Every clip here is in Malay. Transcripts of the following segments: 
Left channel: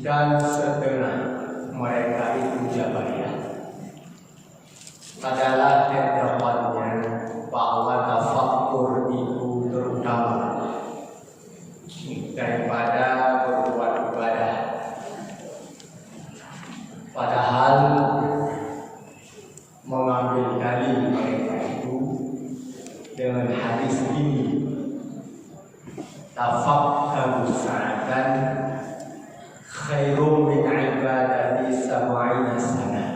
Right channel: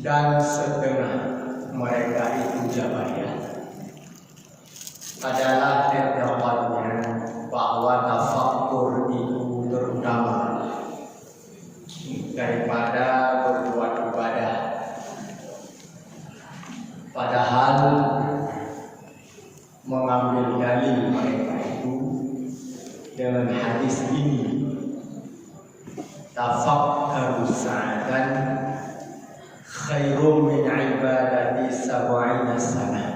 dan setengah mereka itu Jabariyah adalah pendapatnya bahwa tafakkur itu terutama daripada berbuat ibadah. Padahal mengambil dalil mereka itu dengan hadis ini, tafakkaru sa'atan khairum min ibadati sab'ina sana.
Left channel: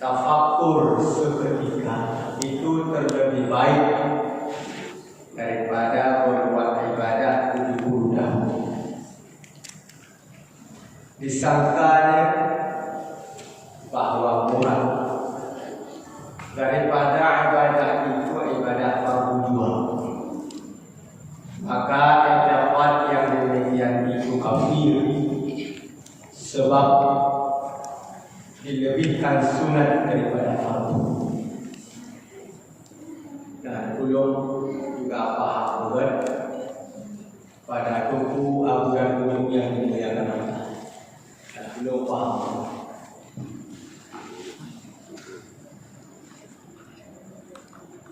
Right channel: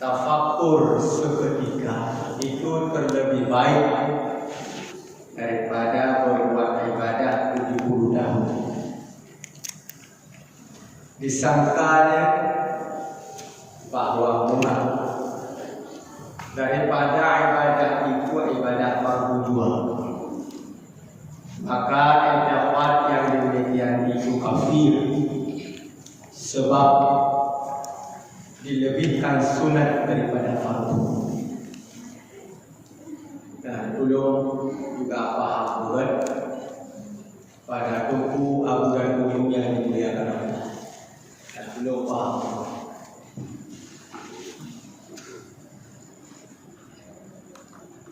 Tafakkur seketika itu terlebih baik daripada berbuat ibadah 70 tahun. Disangkanya bahwa murah daripada ibadah itu ibadah fardu jual, maka pendapat yang demikian itu kafir, sebab dilebihkan sunat daripada fardu. Dan belum juga paham buat pada tubuh abudan umum yang dimuliakan Allah. Dan belum paham.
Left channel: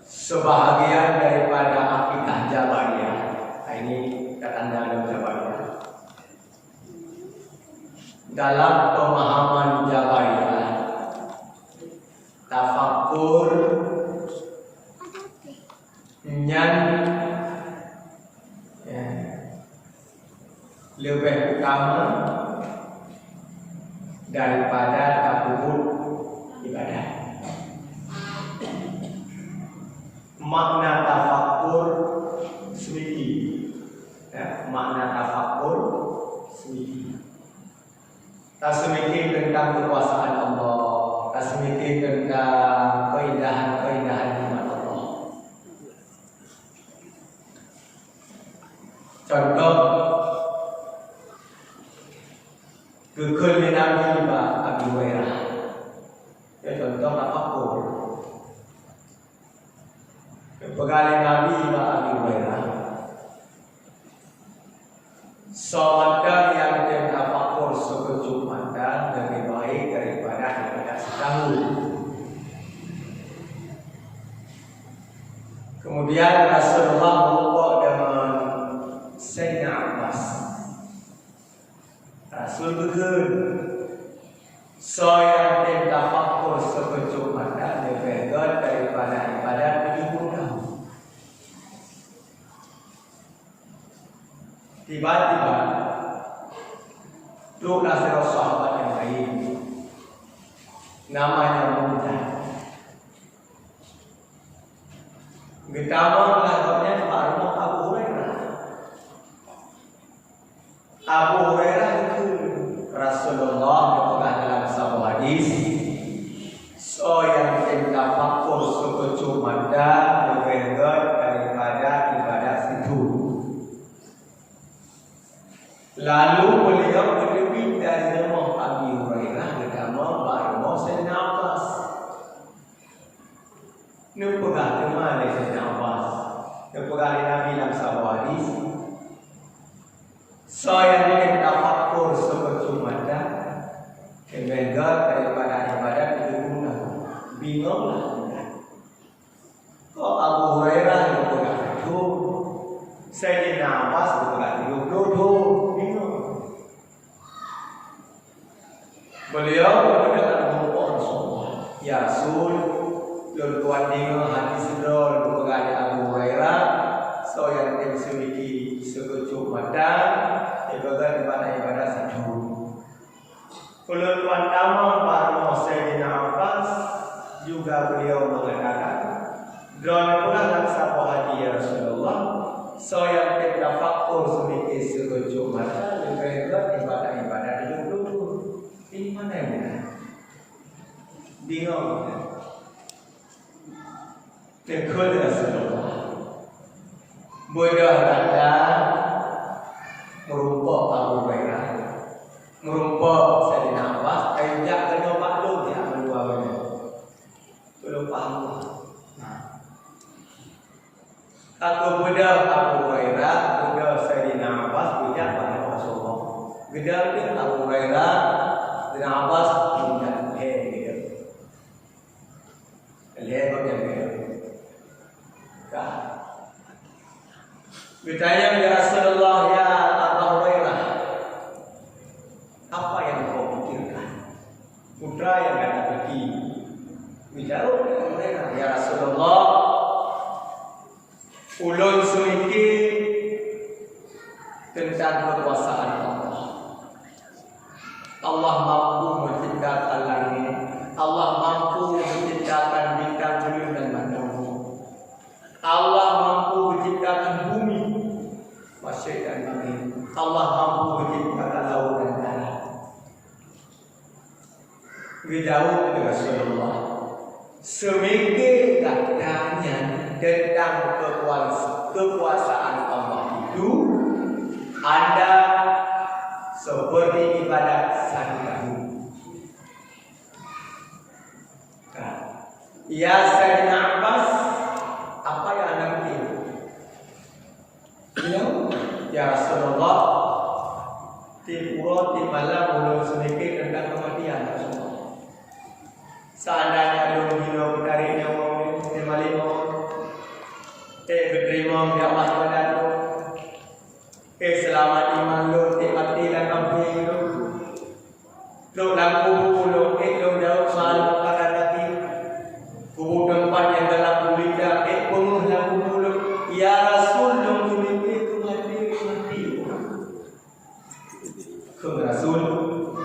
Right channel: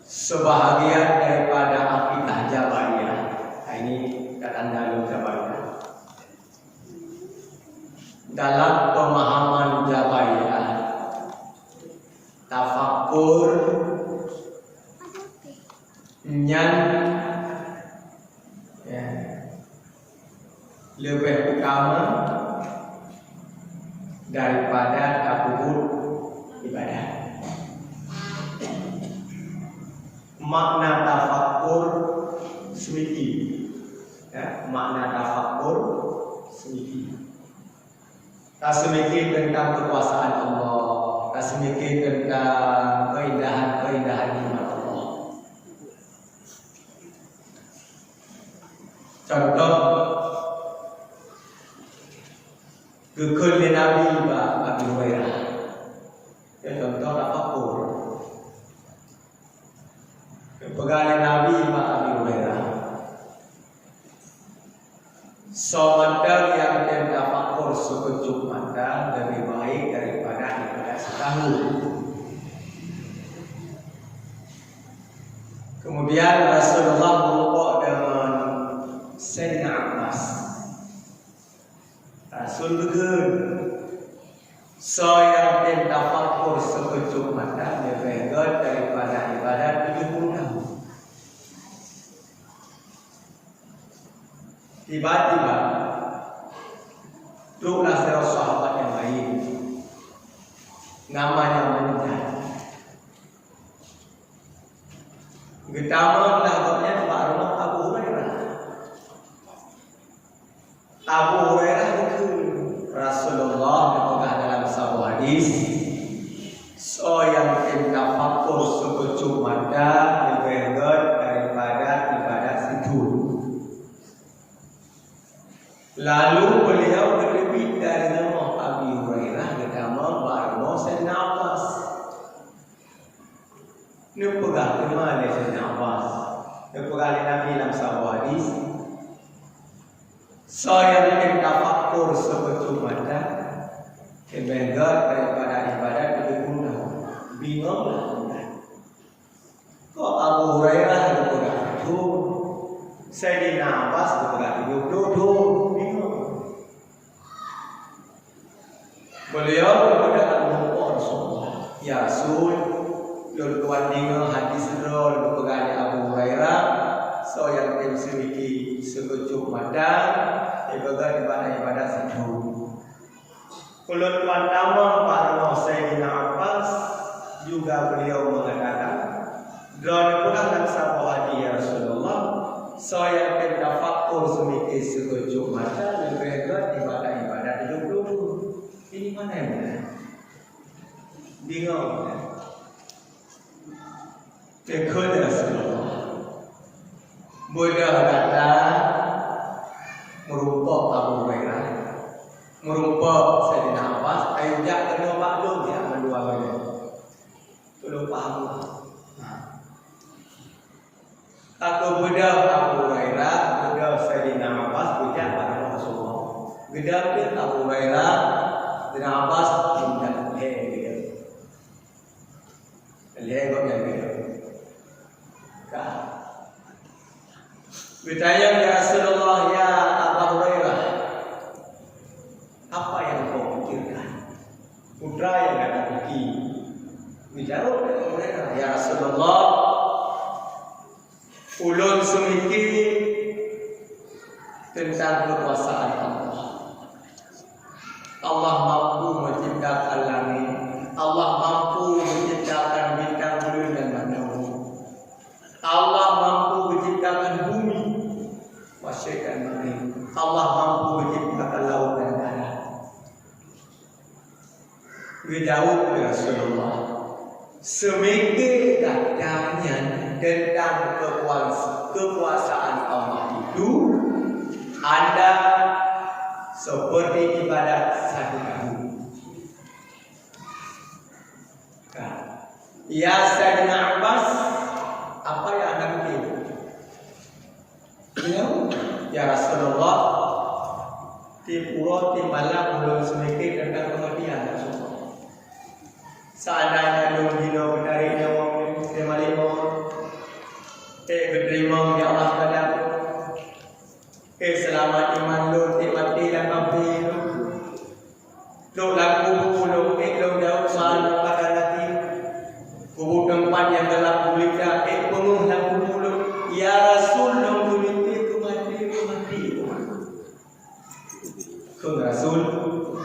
Sebahagian daripada akidah Jabariyah, ini kata dalam Jabariyah, dalam pemahaman Jabariyah, tafakkur yang lebih utama daripada tadabbur ibadah. Makna tafakkur sedikit, makna tafakkur sedikit. Tak sedikit tentang kekuasaan Allah, tak sedikit tentang keindahan-keindahan nikmat Allah. Contoh kekal Nabi Abi Hurairah. Contoh tafakkur. Pegawai Nabi Abi Hurairah. Soal yang tafakkur sekejap mata lebih baik daripada ibadah setahun. Kemudian Rasulullah berbuat dengan Sayyidina Abbas. Rasul betul. Yang tafakkur sekejap mata lebih baik daripada ibadah 70 tahun. Tiba-tiba duduklah seorang sahabat yang lain, namanya Mu'adz. Pertama lagunya Pak Abu Hurairah. Abu Hurairah itu Rasulullah berkata dalam sebuah hadis, yang tafakkur sekejap mata lebih baik daripada ibadah situ. Lalu beliau berlebih dari rumah Abi Hurairah ke rumah baru Sayyidina Abbas. Ini pegah ke mana Sayyidina Abbas? Ini pegah Nabi dalam sebuah hadis. Yang tafakkur sekejap mata lebih baik daripada ibadah 70 bingunglah. Kok Abu Hurairah yang pegah itu, Sayyidina Abbas pegah duduk. Beliau berkata kepada Rasulullah, ya Rasul, luluan dengan hadis rol berkata Abu Hurairah, yang memiliki sekejap mata ibadah situ. Luluan tamu para Sayyidina Abbas juga beliau mengatakan, drone pula dalam sebuah hadis ya Rasulullah, yang tafakkur semikir sekejap mata lebih baik ibadah 70. Ini mana yang benar? Bingung. Kekal Rasulullah. Bodoh kata merumpok Abu Hurairah, merumpok Sayyidina Abbas, ajak kena maklum dia mendua benda. Tolong faham. Aku bodoh Abu Hurairah, bodoh Sayyidina Abbas, bijak pada Rasulullah. Gedang dia Abu Hurairah bin Abbas dan dia. Lihat dia dia. Ka. Bertanya ya Rasulullah ya Abu Hurairah, apa yang kau pikirkan? Putra yang kata pergi. Bijawab Abu Hurairah, ya Rasulullah, ulun semikir tentang kekuasaan Allah. Allah mampu menciptakan langit, Allah mampu menciptakan bintang bulan dan matahari, Allah mampu menciptakan bumi, masyarakat dan langit, Allah mampu menciptakan laut dan darat. Dijawab Rasulullah, semikir katanya tentang kekuasaan Allah itu, Anda seperti ibadat 1 tahun. Ya Sayyidina Abbas, apa yang Anda mikir? Ya Rasulullah, di pura di malam belum semikir tentang kematian Rasulullah. Seandainya lu gila dari nyawa lima berterima di Allah badan selamat iman lu mati dan mati lu lampu lu lu jauh selalu pada lagi kubur tempat yang gelap gulita penuh lampu lu ya Rasul lu memiliki mati ke Rasul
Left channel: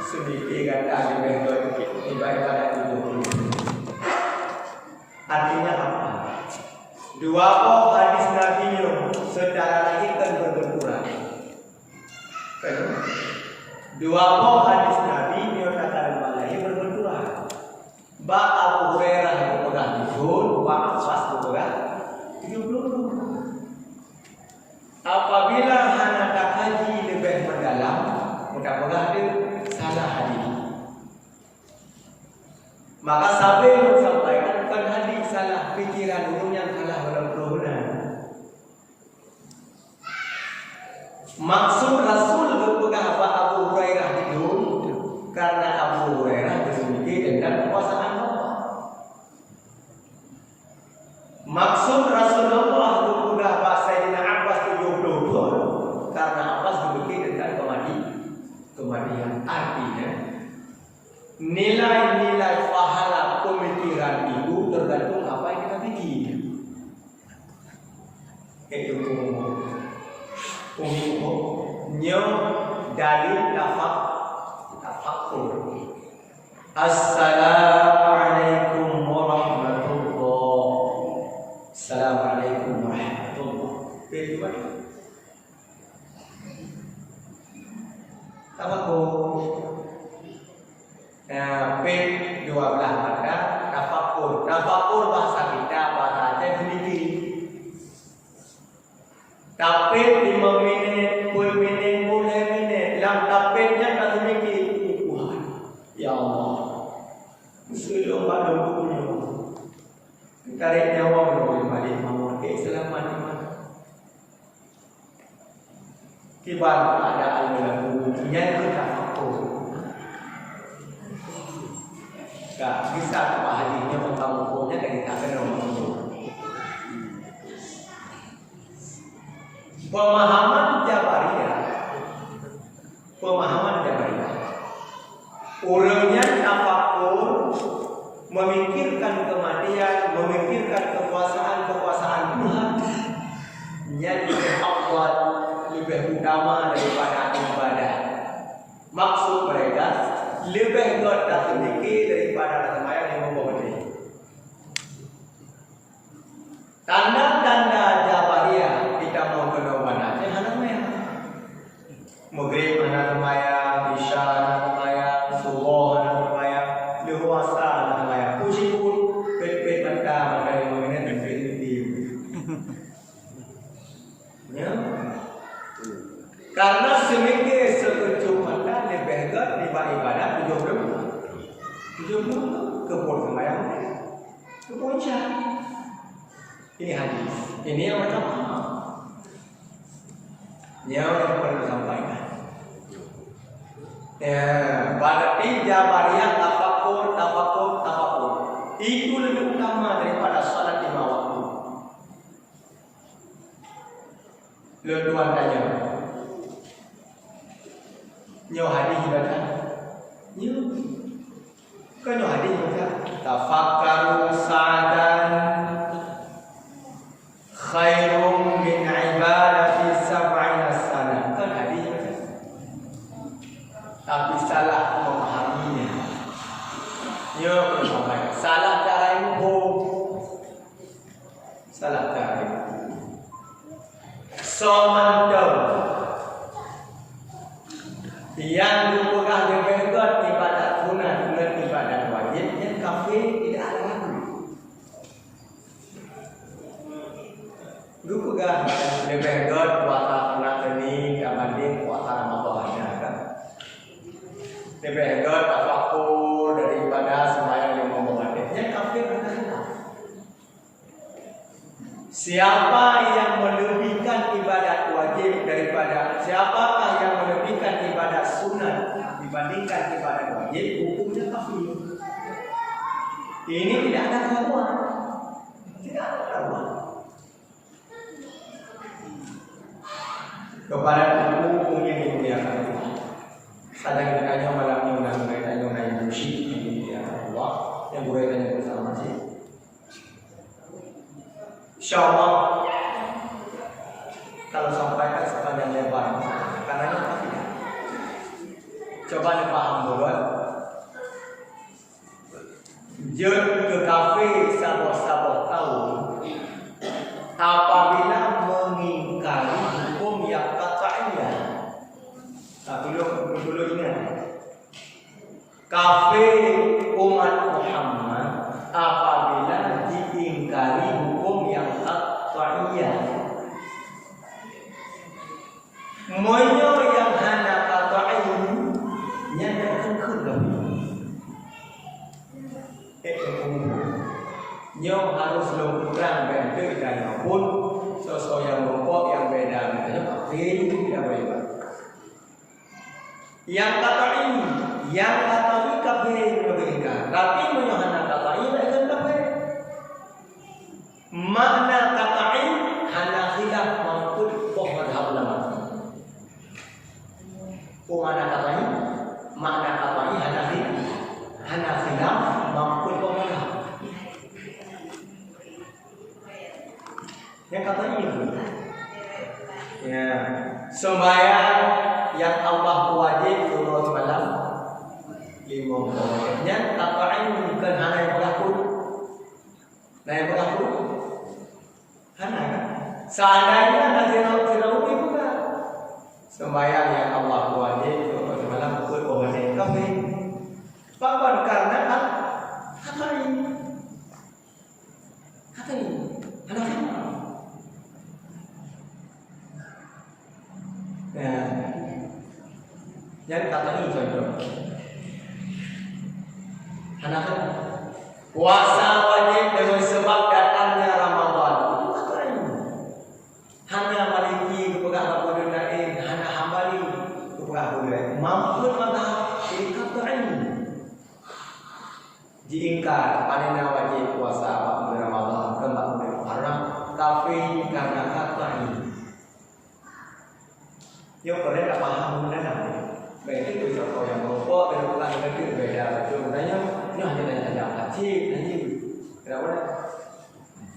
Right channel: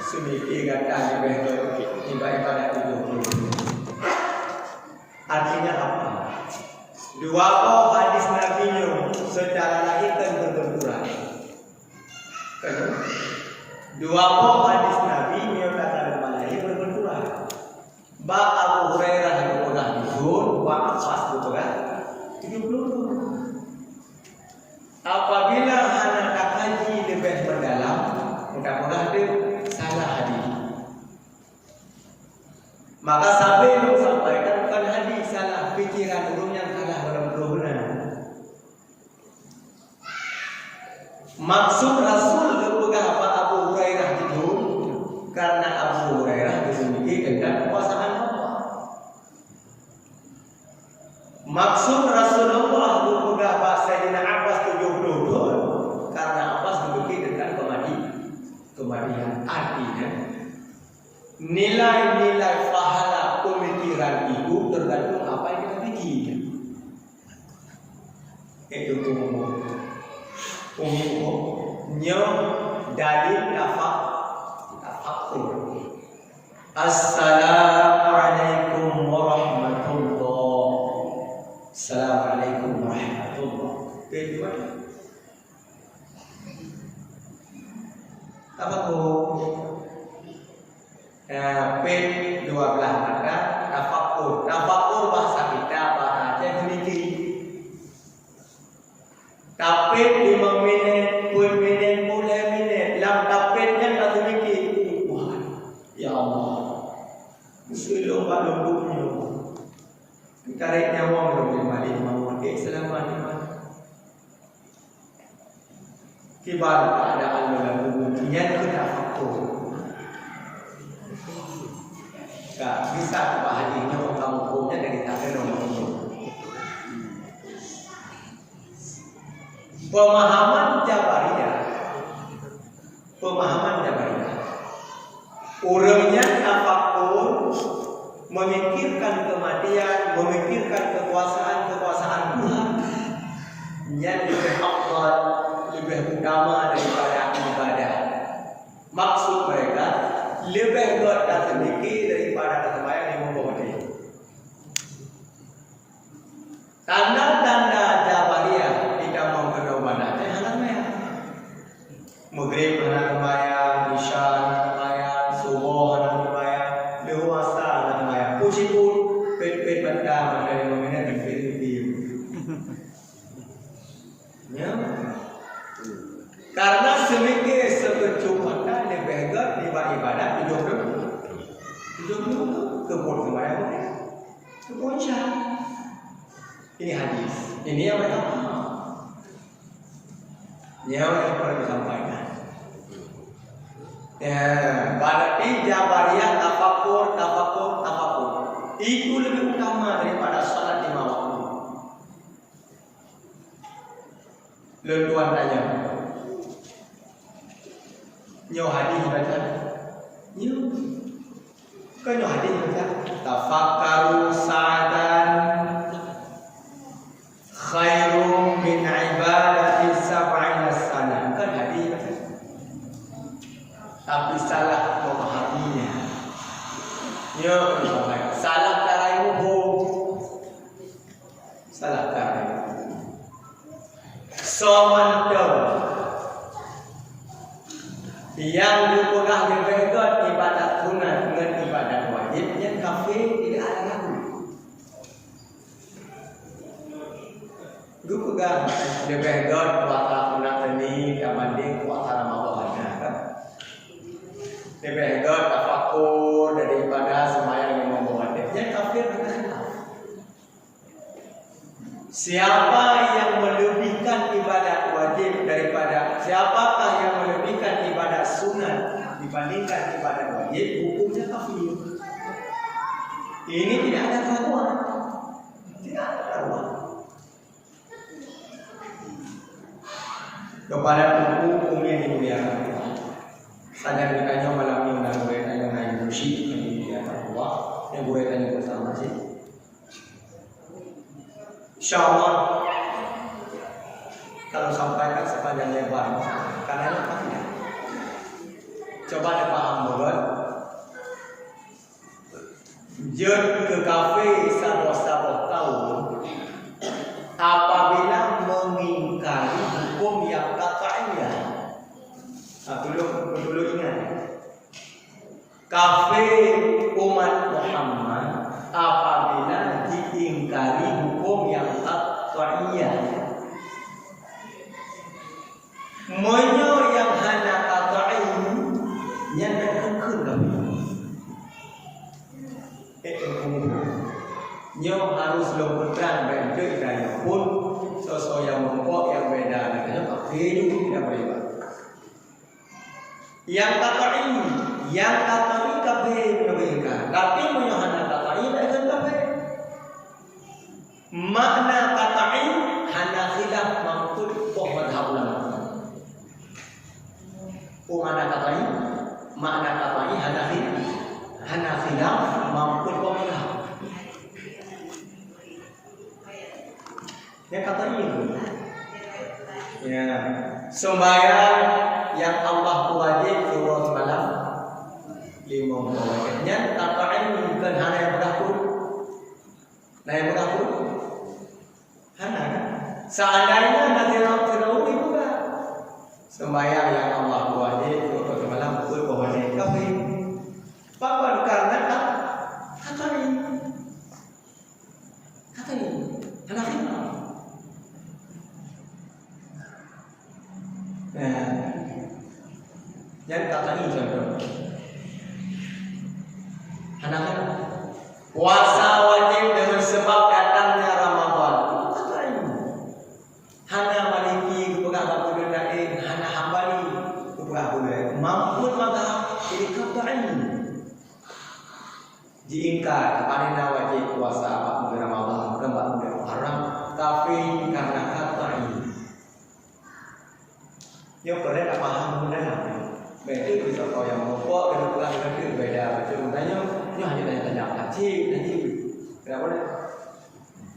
semiki kata ibadah itu. Artinya apa? Dua hadis Nabi secara lahir kan berbenturan. Dua hadis Nabi menyatakan lahir berbenturan. Ba Abu Hurairah berpegang hijau, ba Abbas berpegang 70. Apabila anak kaji lebih mendalam, mudah-mudahan dia salah hadis. Maka sampai sampaikan bukan hadis, salah pikiran ulun yang salah dalam benar. Maksud Rasul berpegang apa Abu Hurairah itu karena Abu Hurairah bersemiki tentang kekuasaan Allah. Maksud Rasulullah berpegang apa Sayyidina Abbas 72 karena Abbas bersemiki tentang kematian. Artinya nilai-nilai pahala pemikiran itu tergantung apa yang kita pikir. Itu umumnya dalil tafakkur. Assalamualaikum warahmatullahi. Assalamualaikum warahmatullahi. Bagaimana? P12 ada tafakkur. Tafakkur bahasa kita bahasa Aceh memiliki. Tapit 5 minit, 10 minit, 10 minit. Dalam tapitnya tak memiliki. Ya Allah. Musuh pada bukunya. Tarik nyawa boleh balik mau. Selamat. Kibar keadaan dalam bukunya itu tafakkur. Tak bisa bahadinya orang hukumnya dari takkan orang hukum. Pemahaman Jabariyah. Orangnya tafakkur, memikirkan kematian, memikirkan kekuasaan Tuhan yang lebih afdal, lebih utama daripada ibadah. Maksud mereka lebih tak sedikit daripada sembahyang yang membawa. Tanda-tanda Jabariyah kita mau kena mana? Anak sembahyang. Maghrib anak sembahyang, Isya anak sembahyang, Subuh anak sembahyang, Dewasa anak sembahyang. Puji pun pet bantah ada yang mengenai definitif. Ya. Karena semikir sepercuma lebih gat ibadah 70 kebun sembahyang kepuncak. Ini hadis. Ini yang pertama. Yang perlu disampaikan. Ya, berarti Jabariyah tafakur. Itu lebih utama daripada salat 5 waktu. Lalu tuan tanya, nyo hadis baca? Nyo. Kan nyo hadis baca? Tafakkaru sa'atan khairum min ibadati sab'ina sana. Kan hadis baca? Tapi salah memahaminya. Nyo salah cara hukum. Salah cara. Somantau yang dipegang dipegang ibadat sunat dengan ibadat wajib yang kafir tidak ada lagu. Dipegang dipegang puasa sunat ini dibanding puasa Ramadan kan. Dipegang tafakur dari ibadah sembahyang yang membawa yang kafir tidak. Siapa yang melebihkan ibadat wajib daripada siapakah yang melebihkan ibadat sunat dibandingkan ibadat wajib, hukumnya kafir. Ini tidak ada keraguan. Tidak ada keraguan. Kepada hukum ini dimuliakan. Saja ditanya malam ini undang gue tanya naik musik ini dimuliakan Allah yang gue tanya bersama sih. InsyaAllah kalau sampaikan sepanjang lebar karena apa tidak? Coba dipaham dulu. Jom ke kafe sabar-sabar tahun apabila mengingkari hukum yang katanya. Dulu ingat kafe umat Muhammad apabila diingkari hukum yang qat'iyah. Menyo yang hanya qat'i nya akan kegam. Nyo harus lokutan bentuk dan pun sosok yang mengkok yang beda katanya kafir tidak baik. Yang qat'i kafir beringkar, tapi menyo hanya qat'i akan kafir. Makna qat'i hana khilaf mangkut toh madhab ulama. Makna qat'i hana khilaf mangkut toh madhab. Yang qat'i itu. Ya, sembahyang yang Allah wajib turun malam 5 waktu. Yang qat'i bukan hana yang berlaku. Nah yang berlaku hana kan? Seandainya nanti Firaun juga sembahyang yang Allah wajib turun malam wajib kafir. Bahkan karena kata ini hana khilaf. Yang kata ini contoh hana khilaf. Puasa wajib dengan sebab datangnya Ramadan. Kata ini hana Maliki kepegang Abu Dunain, hana Hambali kepegang Abu Dunain. Mampu madhab ini kata ini diingkar panina wajib puasa bulan Ramadan kembali bulan Muharram tapi karena kata ini yang pernah tak paham mendengar berarti bisa kau yang merokok dan pulang negeri beda macam tanya ni hanya tanya haji kenapa ni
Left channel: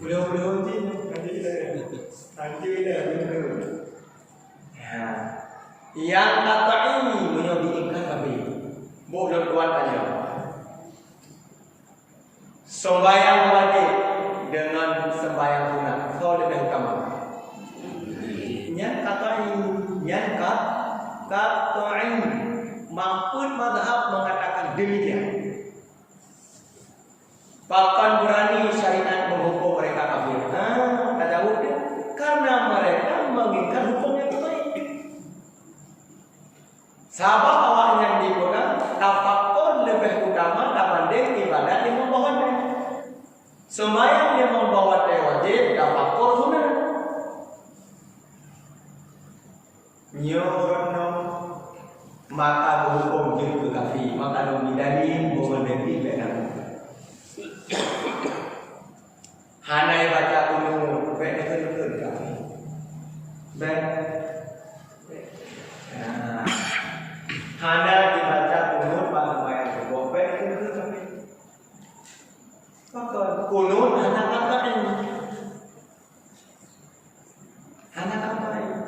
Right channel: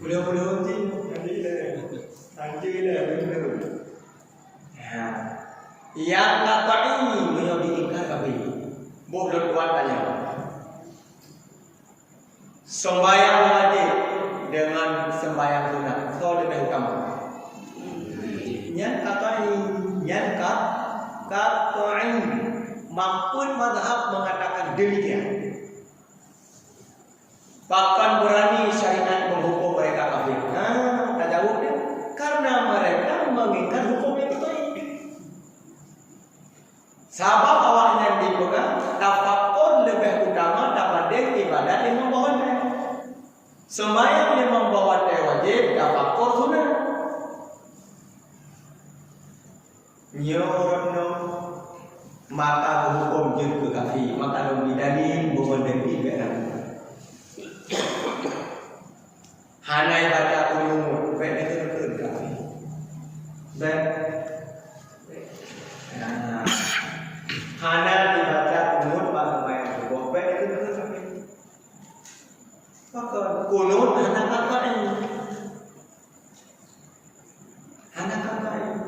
boleh haji lah betul ya yang kata ini menyo diingkar kabeh boleh tuan tanya sembahyang wajib dengan sembahyang sunat kau lebih utama yang kata ini mampun mazhab mengatakan demikian. Bahkan berani syariat menghukum mereka kafir. Tak jauh dia. Karena mereka mengingkar hukum yang baik. Sabab awak yang dipegang tafakur lebih utama dibanding ibadat yang membawa dia. Sembahyang yang membawa dia wajib tafakur sunat. Nyorno maka berhukum je ke kafir. Maka lebih dalil bermendepi benar. Hanai baca kunut benar ke kafir. Hana dibaca kunut bagaimana itu benar ke kafir. Maka kunut hana kata ini. Hana kata ini.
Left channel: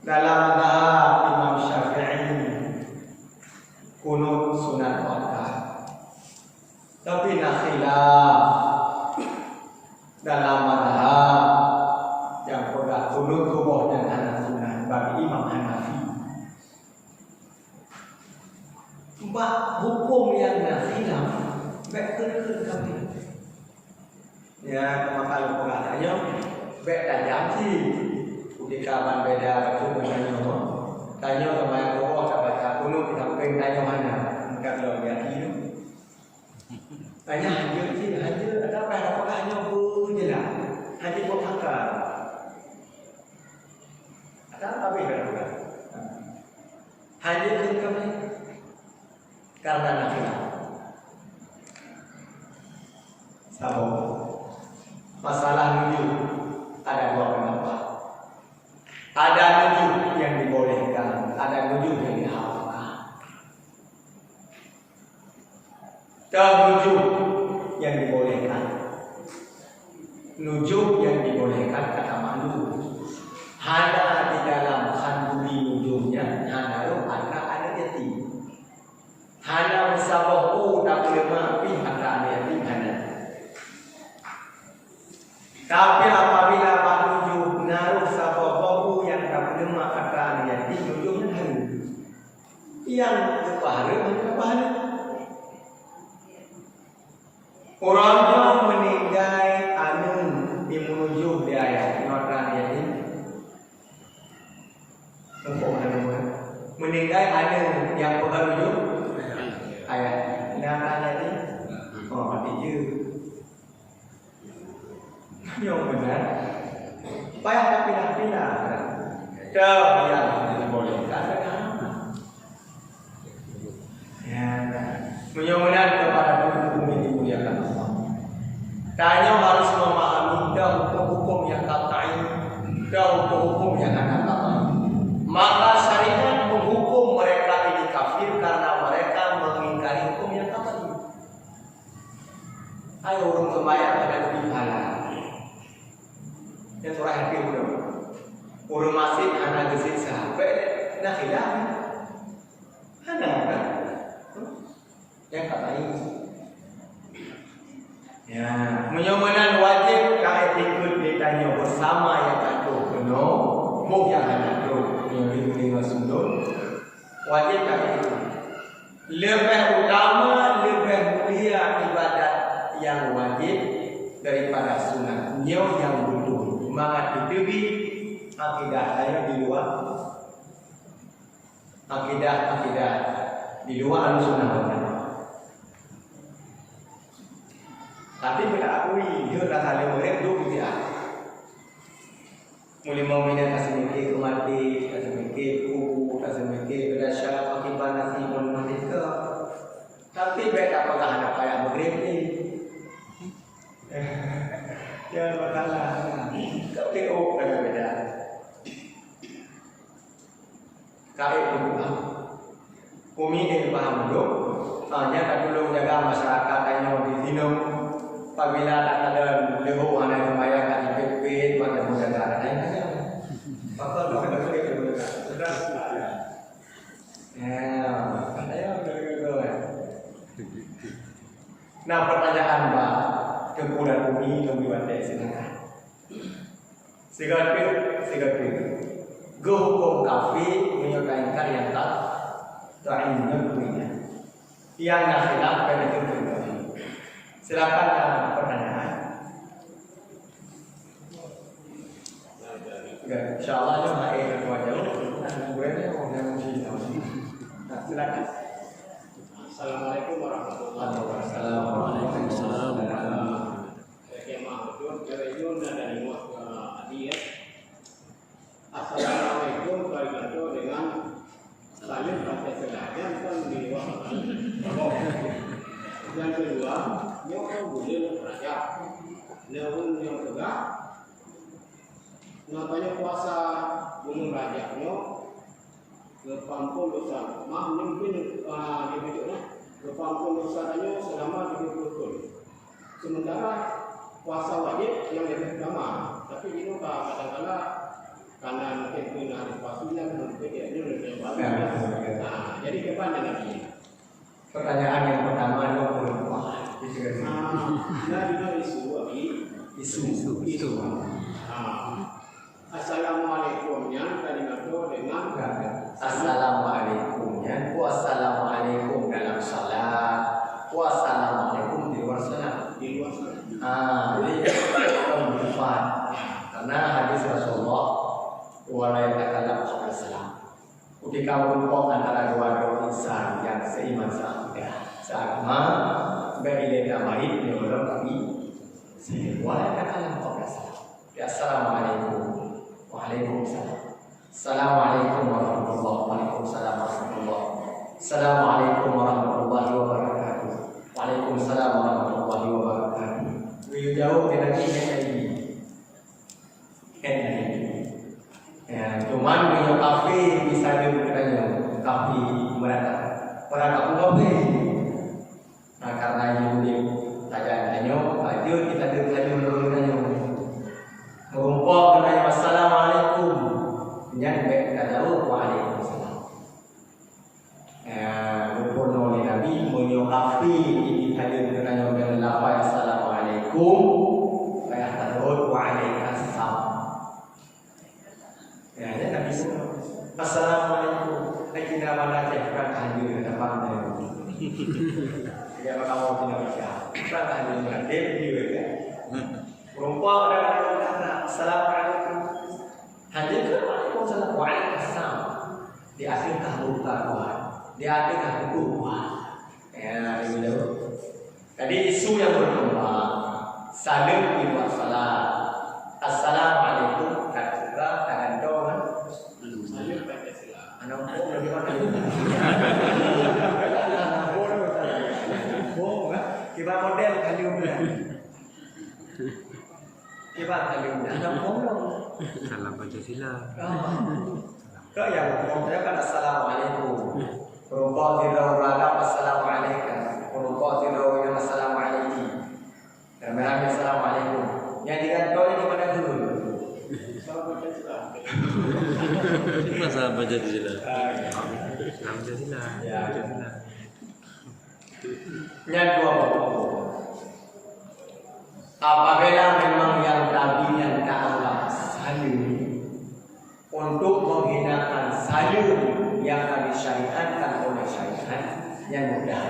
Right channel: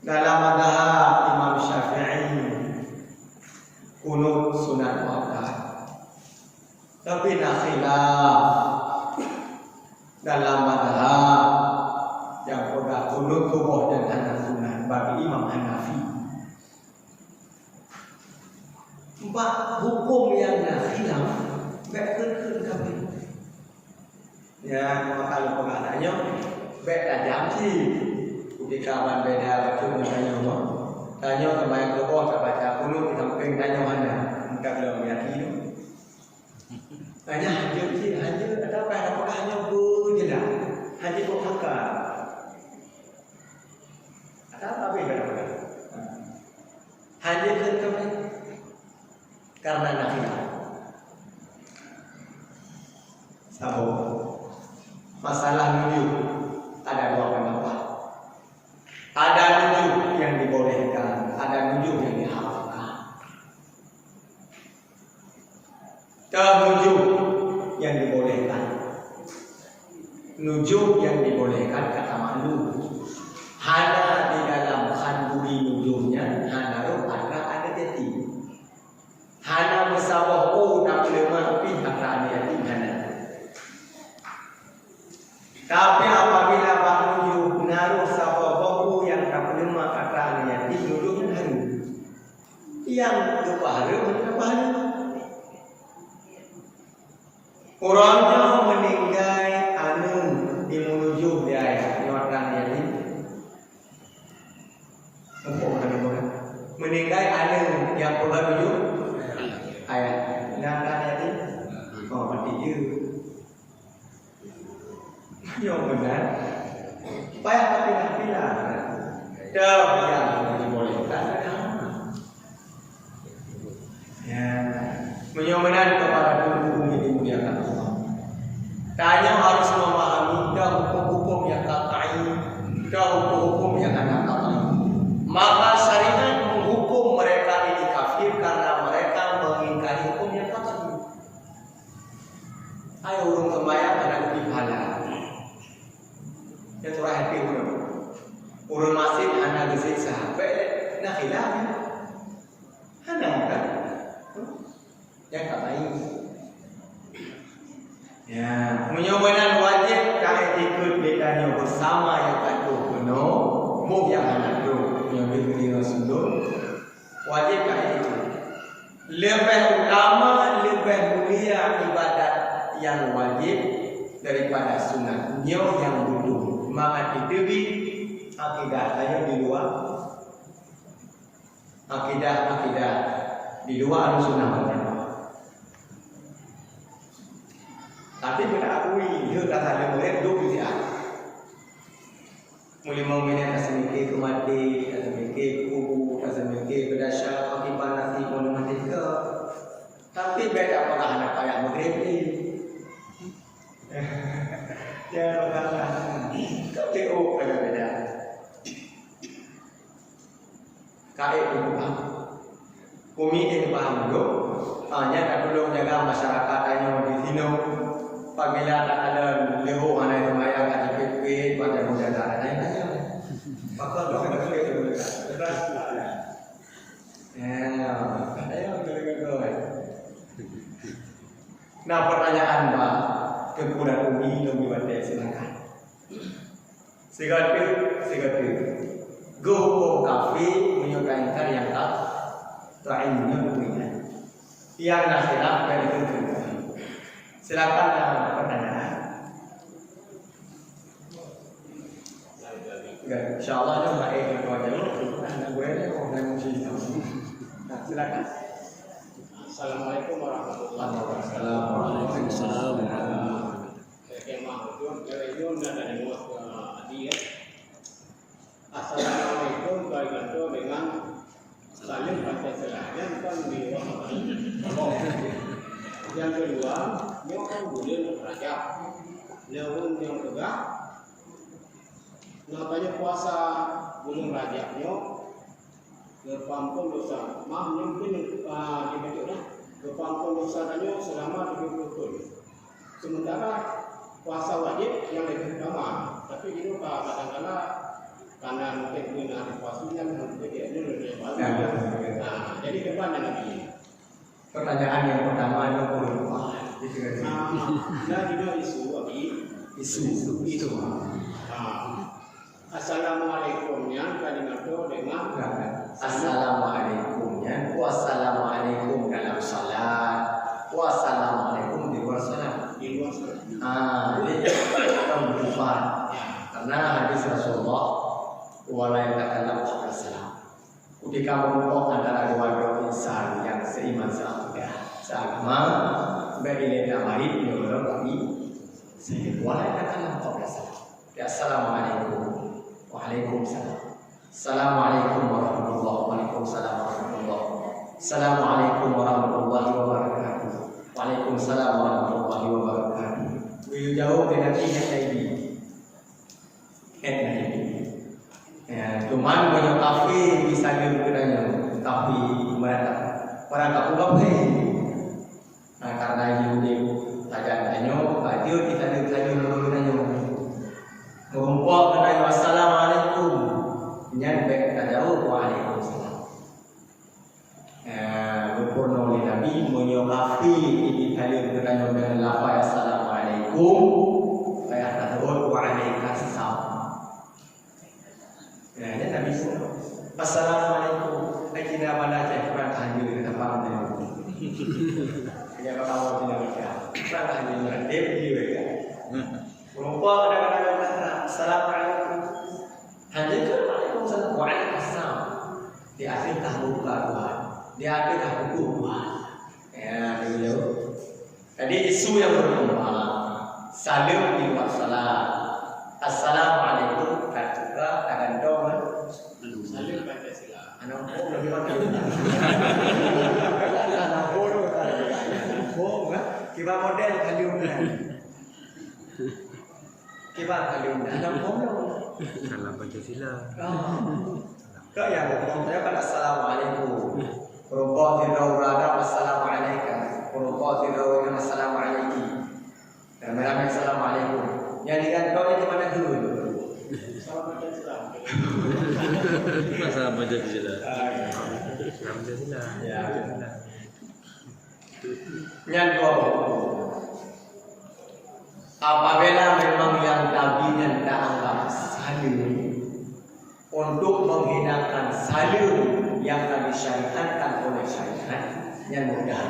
Dalam mazhab Imam Syafi'i kunut sunat waqaf. Tapi nak khilaf dalam mazhab yang pegang kunut tubuh dan hana sunat bagi Imam Hanafi. Bab hukum yang nak khilaf betul kami. Ya, maka kalau pegang tanya baik tajam sih. Di kawan beda betul tanya tu. Tanya kemarin kau tak baca kunut kita pengen tanya mana? Kalau dia hidup. Tanya hanya sih hanya ada apa hanya je lah. Hanya buat angka. Ada apa beda? Hanya kembali karena nakila. Sabuk. Masalah nuju ada dua pendapat. Ada nuju yang dibolehkan, ada nuju yang diharamkan. Nuju yang dibolehkan. Nuju yang dibolehkan kata malu. Hana di dalam kandungi nujunya, hana ada jati. Hana musabahu tak lemah api ada jati hana. Tapi apabila nuju naruh sabahu yang tak lemah ada jati, nujunya haru. Yang berpahala macam pahala. Orangnya meninggal anu di menuju dia ayat mata dia ni. Meninggal anu yang menuju ayat mata dia ni. Oh mati je. Yang benar. Payah tapi nak pindah. Dah yang dibolehkan. Ya, menyomenan kepada hukum ini dimuliakan Allah. Tanya harus memahami dah hukum-hukum yang qat'i, dah hukum-hukum yang anak qat'i. Maka syariat menghukum mereka ini kafir karena mereka mengingkari hukum yang qat'i. Ayo urung sembahyang pada lebih pahala. Yang surah hati urung. Urung masih anak gesik sahabat nak khilafnya. Anak kan? Yang qat'i. Ya, menyomenan wajib tak ikut ditanya bersama yang tak penuh, muk yang anak tu yang diberi Rasulullah. Wajib tak ikut. Lebih utama, lebih mulia ibadat yang wajib daripada sunat. Nyo yang betul. Maka ditebi akidah saya di luar. Akidah di luar sunnah wajib. Tapi pada akui dia dah ada murid dua bid'ah. Mula mau minat asal mikir kemati, asal mikir kubu, asal mikir berdasar bagi panasi mula mati ke. Tapi beda pernah anak kayak maghrib ni. Ya bakalah. Kau tengok ada beda. Kait dulu. Kumi ini paham dulu. Hanya tak dulu jaga masyarakat tanya di sini. Apabila tak ada leho mana yang bayar kat JPP maka menjaga ada aja. Maka doa ada boleh dulu kan. Sudah. Ya, ada betul. Nah, pertanyaan Mbak Kekuran Umi Wate silakan. Segala go hukum kafir menyukai yang tak ingin punya. Yang nak khilaf dari itu. Silakan pertanyaan. InsyaAllah ada baik dan wajah. Anak gue ni orang yang mesti. Silakan. Assalamualaikum warahmatullahi wabarakatuh. Waalaikumsalam warahmatullahi wabarakatuh. Assalamualaikum warahmatullahi wabarakatuh. bulan Rajab. Namun yang kedua, namanya puasa bulan Rajabnya kepampun dosa. Mungkin dibacanya kepampun dosanya selama 30 tahun. Sementara puasa wajib yang lebih lama, tapi itu kadang-kadang karena mungkin punya puasanya mungkin dia lebih lama. Nah, jadi ke depan dengan ini. Pertanyaan yang pertama adalah Nah, isu. Assalamualaikumnya kalimat itu dengan Assalamualaikumnya, wassalamualaikum dalam salat, wassalamualaikum di luar salat. di luar sana. Jadi keempat, karena hadis Rasulullah wala yatakallam qabla salam. Ketika mengumpul antara dua insan yang seiman seagama, berilmu tambahin menurut kami, wala yatakallam qabla salam. Ya, assalamualaikum, waalaikumsalam. Assalamualaikum warahmatullahi wabarakatuh. Assalamualaikum warahmatullahi wabarakatuh. Waalaikumsalam warahmatullahi wabarakatuh. Beliau jawab dengan ingat lagi. Ya, cuman beliau kafe bisa bertanya kafe mereka pun kafe. Nah, karena itu tanya baju kita tanya ngumpul tanya assalamualaikum. Nyampe jauh waalaikumsalam. Berpurno Nabi menyokafi ini hadir dengan lafaz assalamualaikum. Saya tahu waalaikumsalam. Ya, Nabi assalamualaikum. Akhirnya mana cek perang hadir dengan paham. Kita kalau tidak baca perang hadir dengan dia ya. Rupa ada assalamualaikum. Hanya ke waalaikumsalam waalaikumsalam. Di akhir kahbukan, di akhir kahbukan. Ya, dulu. Tadi isu yang berkembang. Salam di luar salat. Assalamualaikum kata tangan dong. Salam Pancasila. Anak pun lebih mana lagi? Anak pun bohong kan? Kita model kaliumnya. Kita kaliumnya. Anak pun Salam Pancasila. Kau yang berkata kan assalamualaikum. Rukuk tidur berada assalamualaikum. Rukuk tidur yang assalamualaikum. Dan mereka assalamualaikum. Yang digantung ini mana dulu? Salam Pancasila. Salam Pancasila. Salam Pancasila. Ya. Yang dua. Apabila memang yang tabinya tak anggap salim untuk menghinakan salim yang disyariatkan oleh syariat yang mudah.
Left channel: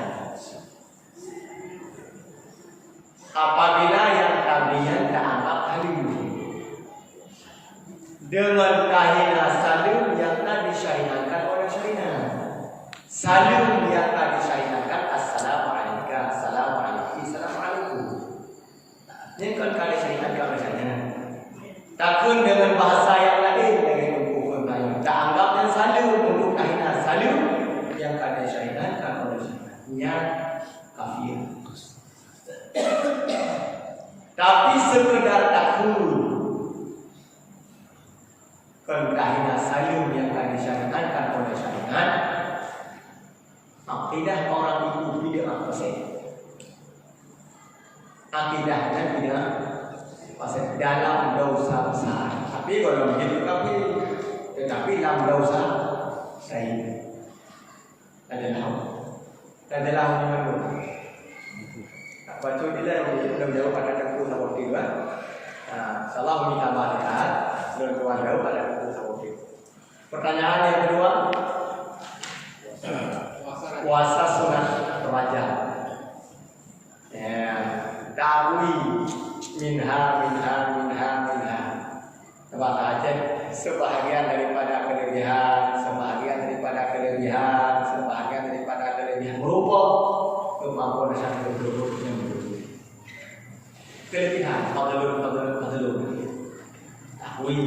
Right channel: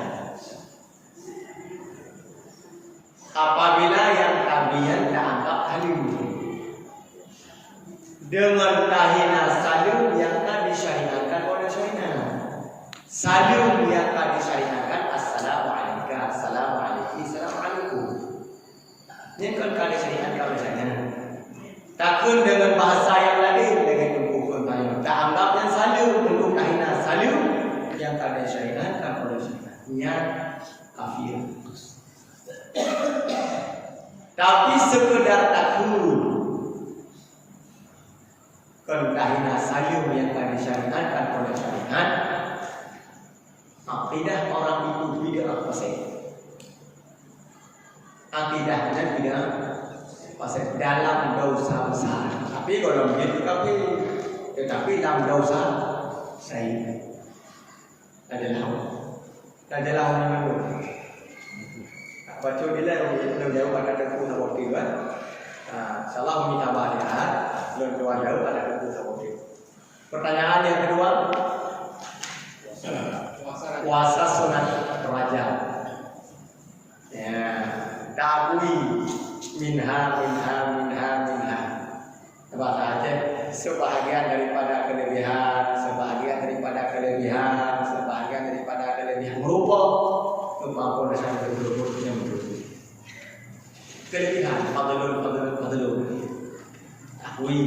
Apabila yang tabinya tak anggap salim dengan kahina salim yang disyariatkan oleh syariat. Salim yang disyariatkan assalamualaikum, assalamualaikum, assalamualaikum. Ini kan kali syariat kalau syariat. Takun dengan bahasa yang lain dengan hukum lain. Tak anggap yang salim untuk kahina salim yang kada syariatkan oleh syariatnya kafir. Tapi sekedar takun kan kahina salim yang kada syariatkan oleh syariat. Akidah orang itu bid'ah pasal. Akidahnya tidak pasal dalam dosa besar. Tapi kalau begitu tetapi dalam dosa saya adalah orang itu. Baca bila belum jauh pada tepu sama waktu kan. Salah minta balik belum jauh pada tepu sama waktu. Pertanyaan yang kedua, puasa sunat Rajab. Ya, ta'wi minha. Bahasa Aceh sebahagian daripada kelebihan berupa kemampuan dasar yang kelebihan fadlun. Ta'wi.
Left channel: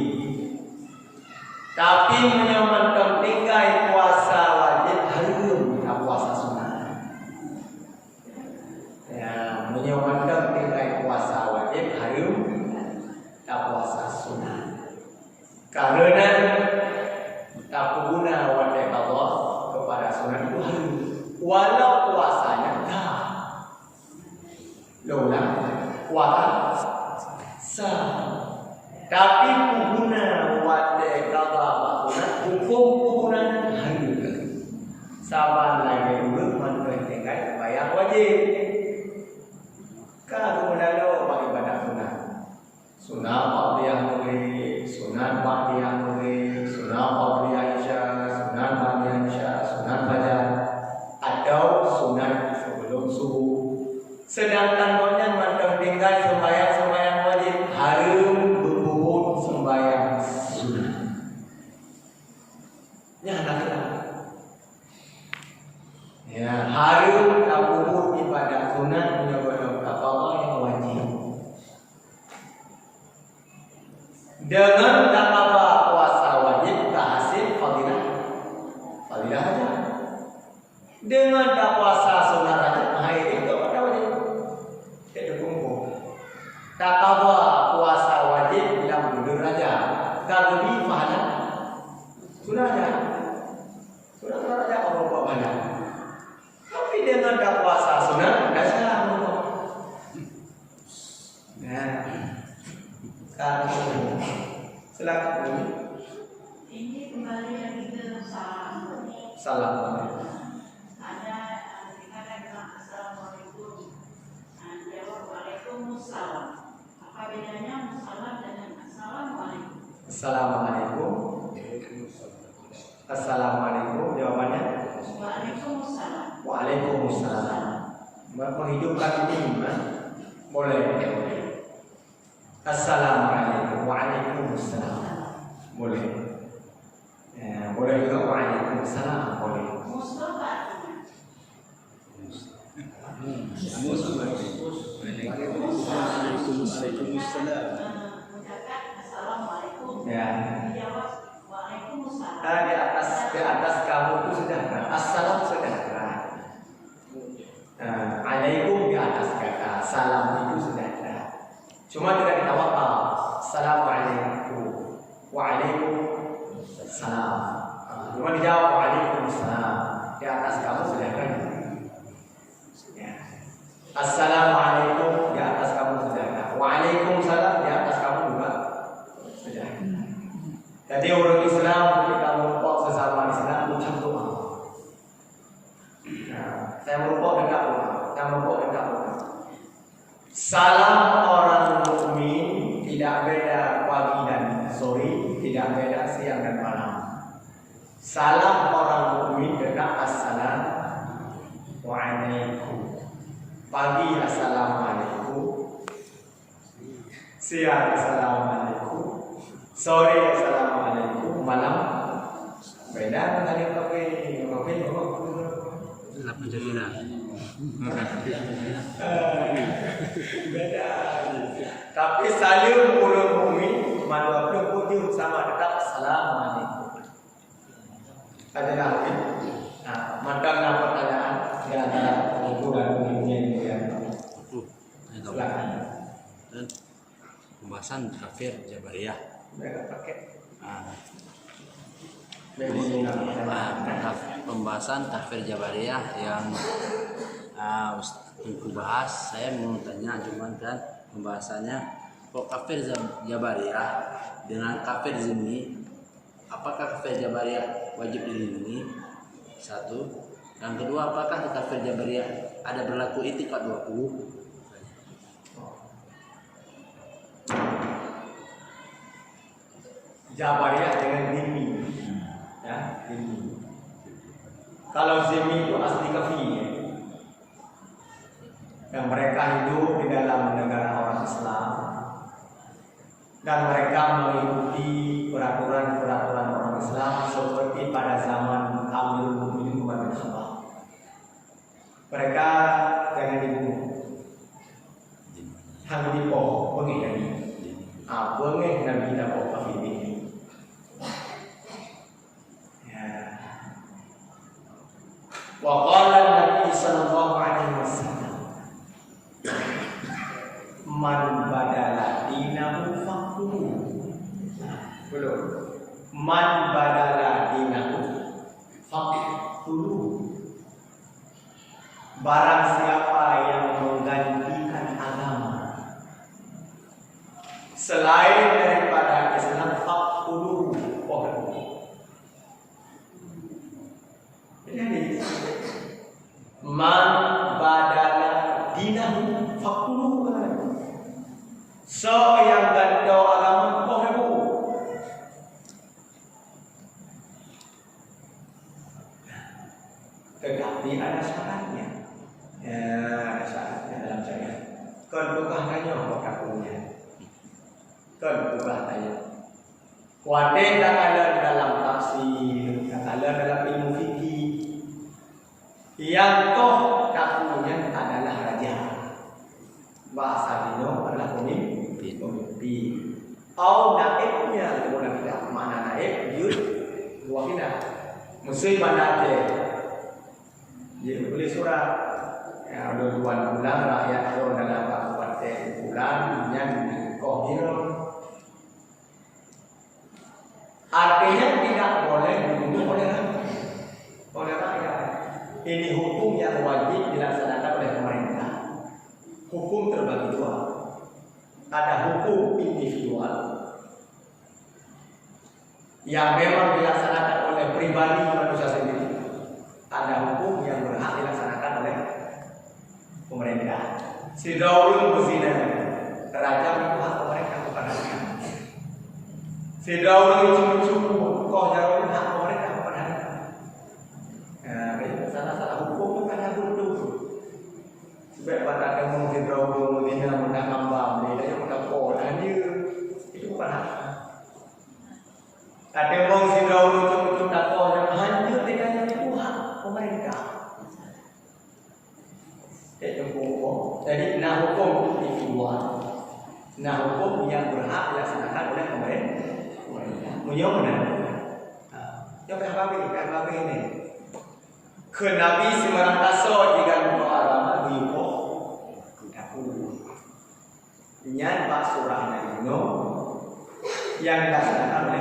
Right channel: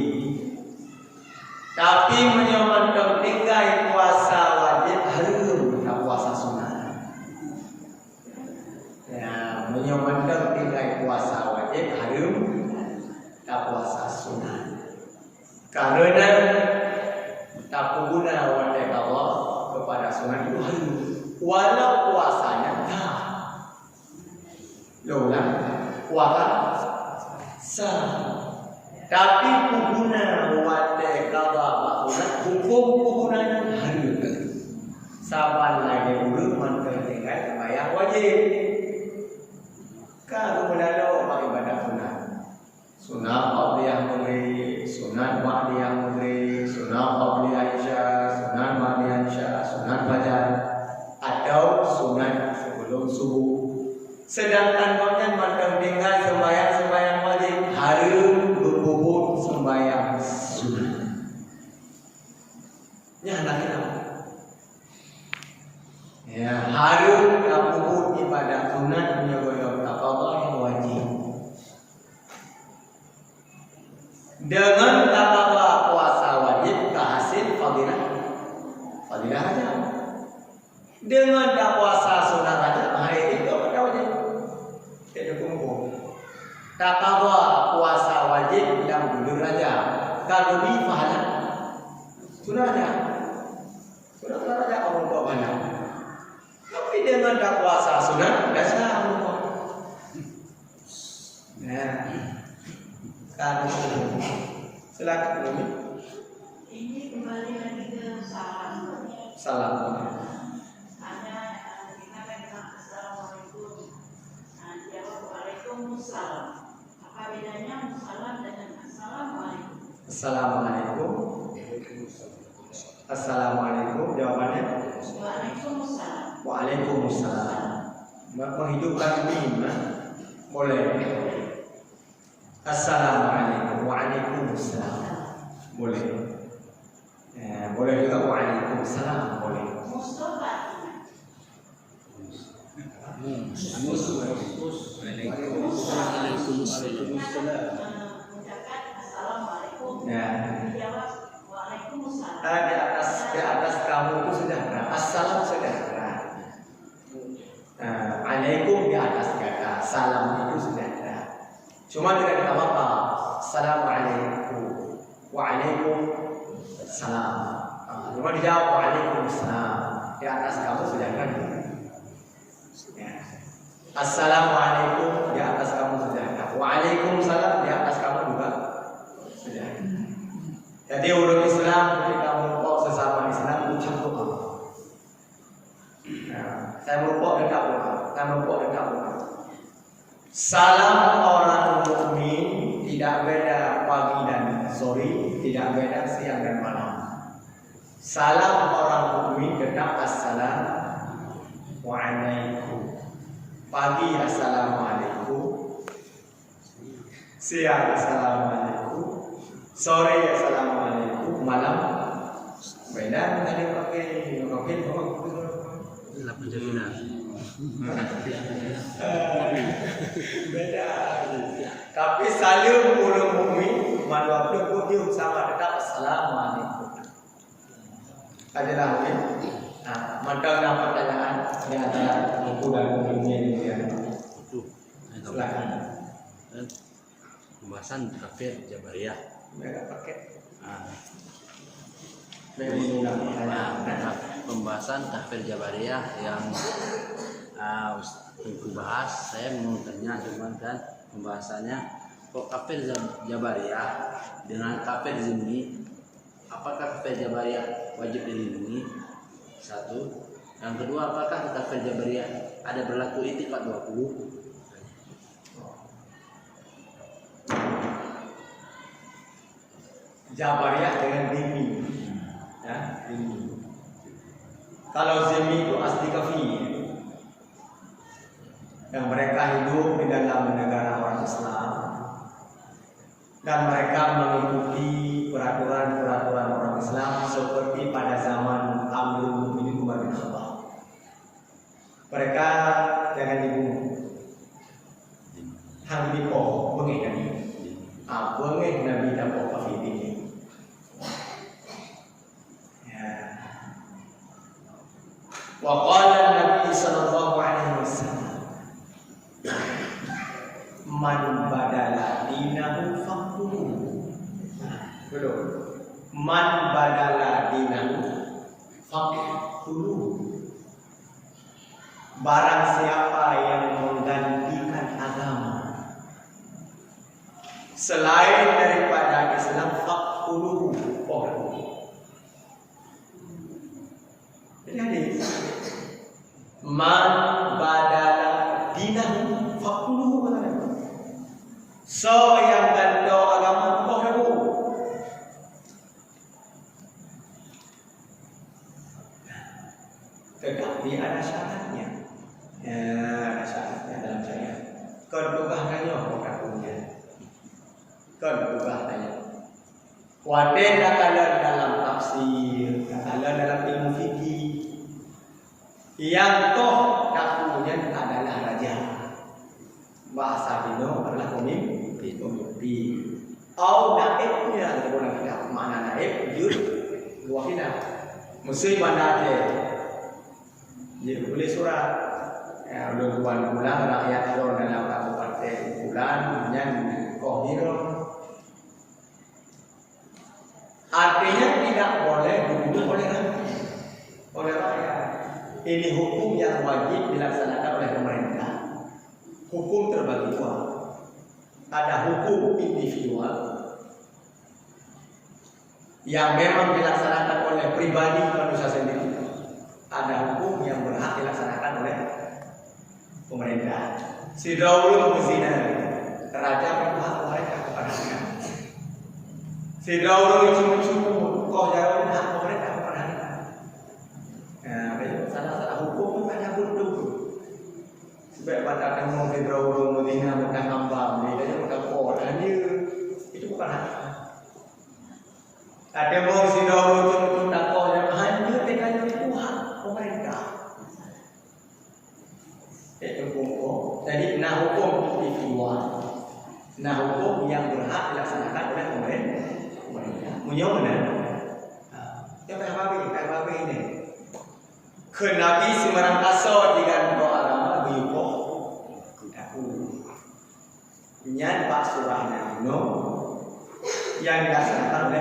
Tapi menyamankan tinggai puasa wajib harum, puasa sunat. Ya, menyamankan sunnah. Karena tak guna wajib Allah kepada sunnah itu harus walau puasanya tak lola puasa sah, tapi guna wajib Allah hukum gunanya harus saban lagi dulu mantai tinggal sembahyang wajib. Kalau menalo bagi ibadah sunnah, sunnah qabliyah mulai, sunnah ba'diyah mulai, sunnah qabliyah isya, sunnah ba'diyah isya, sunnah fajar, atau sunnah sebelum subuh. Sedangkan nonnya mantai tinggal sembahyang wajib harus berhubung sembahyang sunnah. Ya anak-anak. Ya, harus kabur ibadah sunat menyebut Allah yang wajib. Dengan takwa puasa wajib kehasil fadilah aja. Dengan tak puasa sunat aja, itu pada wajib. Tidak kumpul. Takwa puasa wajib dalam dulu aja. Kalau di pahala sudah aja. Sudah aja Allah buat mana? Tapi dengan tak puasa sunnah tidak sah. Nah, kamu silakan Umi. Ini kembali lagi ke salam. Salam. Ada dikatakan assalamualaikum. Jawab waalaikumsalam. Apa bedanya musalam dengan assalamualaikum? Assalamualaikum. Assalamualaikum. Jawabannya? Waalaikumsalam. Waalaikumsalam. Menghidupkan mim, boleh. Assalamualaikum. Waalaikumsalam. Boleh. Ya, boleh juga waalaikumsalam. Boleh. Mustafa. Mengucapkan assalamualaikum. Ya. Dijawab waalaikumsalam. Di atas kamu itu sejahtera. Assalam sejahtera. Alaikum di atas kata, salam itu sejahtera. Cuma tidak kita apa. Assalamualaikum. Waalaikumsalam. Cuma dijawab waalaikumsalam. Di atas kamu sejahtera. Ya. Assalamualaikum di atas kamu sejahtera. Waalaikumsalam di atas kamu juga sejahtera. Jadi urut Islam ketika merupuk sesama Islam ucap doa. Saya merupuk dekat doa. Salam orang mukmin tidak beda pagi dan sore, tidak beda siang dan malam. Salam orang mukmin tetap assalamualaikum. Pagi assalamualaikum, siang assalamualaikum, sore assalamualaikum, malam beda tadi pakai beda. Tapi salim ulul mukmin manusia berkunjung sama tetap assalamualaikum. Adalah mantap pertanyaan di antara ibu dan ibunya ini ya. Silakan. Pembahasan kafir Jabariyah. Mereka pakai. Pembahasan kafir Jabariyah yang untuk bahas, saya mau tanya cuma kan pembahasannya kok kafir Jabariyah dengan kafir zimmi, apakah kafir Jabariyah wajib dilindungi? Satu. Yang kedua, apakah kafir Jabariyah ada berlaku itikad 20? Jabariyah dengan zimmi, ya, zimmi. Kalau zimmi itu asli kafir, yang mereka hidup di dalam negara orang Islam dan mereka mengikuti peraturan-peraturan orang Islam seperti pada zaman Amirul Mukminin Umar bin Khattab. Mereka jangan dibunuh, hang dipo, bengih Nabi, bengih Nabi dapat kafir ini. Waqala Nabi sallallahu alaihi wasallam, man badala dinahu faqtuluhu. Man badala dinahu faqtuluhu. Barang siapa yang menggantikan agama selain daripada Islam, faqtuluhu. Jadi man badala dinahu faqtuluhu. So yang ganda agama bohrebu. Tetapi ada syaratnya. Ya, ada syaratnya dalam syariat. Kon ubah tanya kok kakunya. Kon ubah tanya. Wade katakan dalam tafsir, katakan dalam ilmu fikih. Yang toh kakunya adalah raja. Bahasa dino adalah pemimpin. Au naibnya, kita boleh tidak mana naib, yud, wakina. Mesti bandar je. Jadi boleh surat. Ya, udah 2 bulan rakyat orang dalam kabupaten bulan yang dikohirun. Artinya tidak boleh dibunuh oleh rakyat. Ini hukum yang wajib dilaksanakan oleh pemerintah. Hukum terbagi dua. Ada hukum individual yang memang dilaksanakan oleh pribadi manusia sendiri. Ada hukum yang berhak dilaksanakan oleh pemerintah. Si Daul muzina, raja berhak pemerintah kepada rakyat. Si Daul cuma kau jauh hak pemerintah kepada rakyat. Nah, salah hukum ada dulu. Sebab pada demo si Daul muzina makan hamba, dia dia makan kol, dia itu bukan hak. Ada mau si Daul cuma kau yang hanya dengan itu hak pemerintah. Jadi nah hukum individual, nah hukum yang berhak dilaksanakan oleh pemerintah. Munyong mana? Yang apa ini? Kenabi semarang taso jika doa agama buyuko kudaku. Nyan pak surahnya ini yang dilaksanakan oleh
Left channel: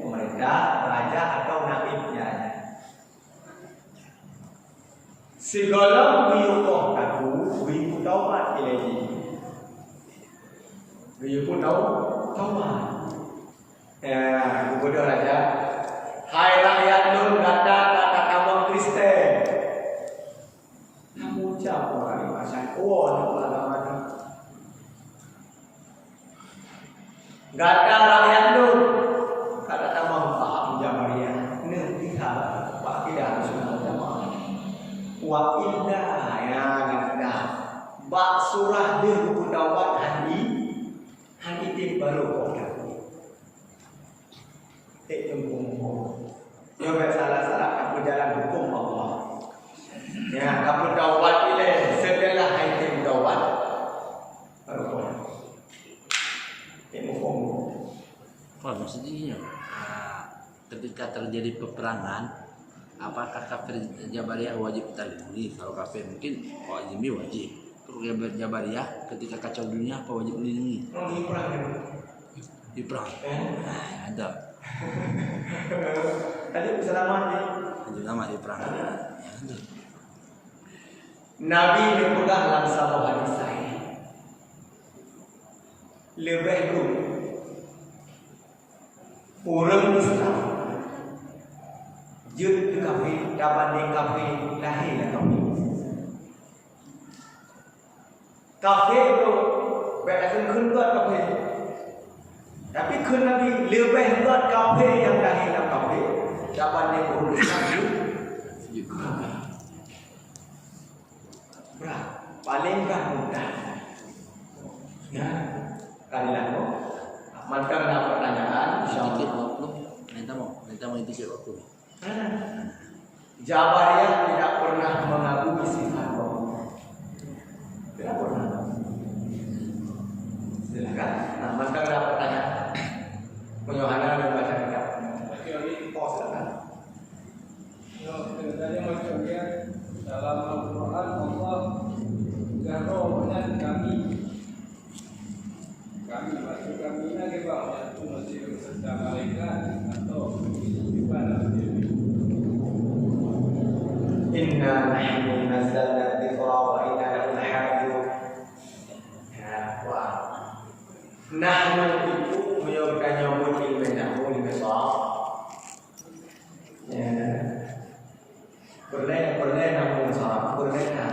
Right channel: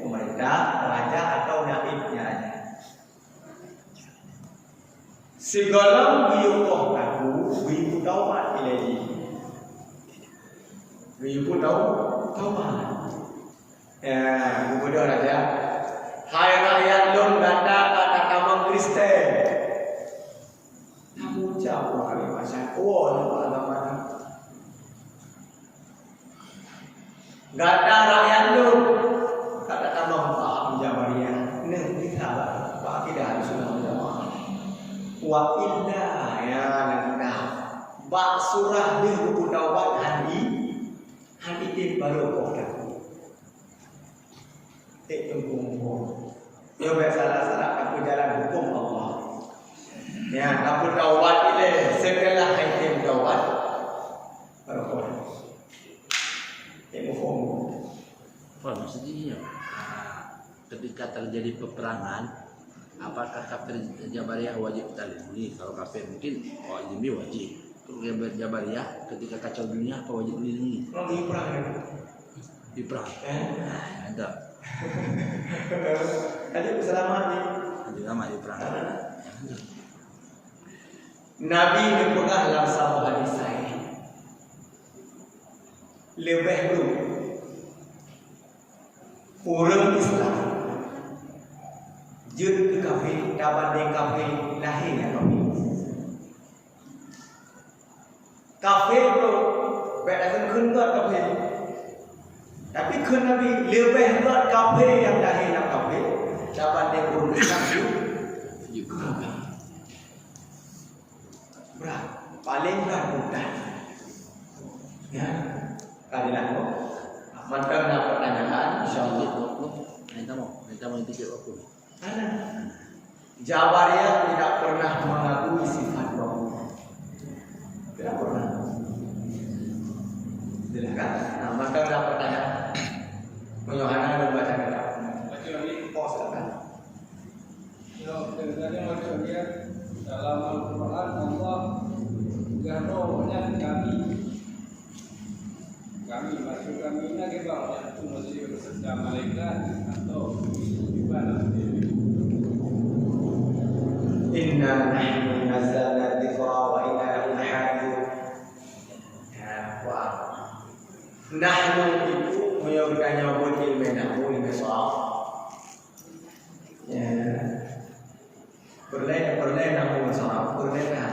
pemerintah, raja atau naibnya raja. Segala buyukoh aku buyukoh taubat ilahi. Buyukoh taubat. Ya, gubernur raja. Hai rakyat nun kata tamang Kristen. Kamu jauh kali pasal agama ni. Gata rakyat nun kata tamang paham Jabariyah. Ini kita pak tidak sunnah jamaah. Wa inna ya nanda bak surah dia buku dawat hadi tim baru kau dah tembung yo salah aku jalan hukum Allah ya aku dawat ile setelah item dawat baru kau tembung maksudnya ketika terjadi peperangan, apakah kafir Jabariyah wajib terlindungi? Kalau kafir mungkin wajib. Jabariyah ketika kacau dunia apa wajib dilindungi? Di perang. Ada. Tadi selamat ni. Selamat di perang. Nabi berpegang dalam satu hadis sahih. Lebih dulu orang Islam jud kafir dabanding kafir lahirnya kafir tu baik akan keluar kafir tapi kena lebih berat kafir yang lahirnya kafir dabanding orang Islam jud berat paling mudah ya kalian mantan nak pertanyaan insyaallah Minta mau tiket aku. ada. Jabariyah tidak pernah mengagumi sifat Allah. Tidak pernah. Silakan. Nah, maka ada pertanyaan. Yohana membaca kitab. Oh, silakan. Tadi macam dia dalam Al-Quran Allah garo banyak kami maksud kami nak juga mesti bekerja malaikat atau gimana? Inna nahnu nazzalna dzikra wa inna lahu lahafizun. Ya, wah. Nahnu itu menyebutkan nyebut ilmu nahnu ilmu soal. Ya. Perlahan nahnu soal, perlahan.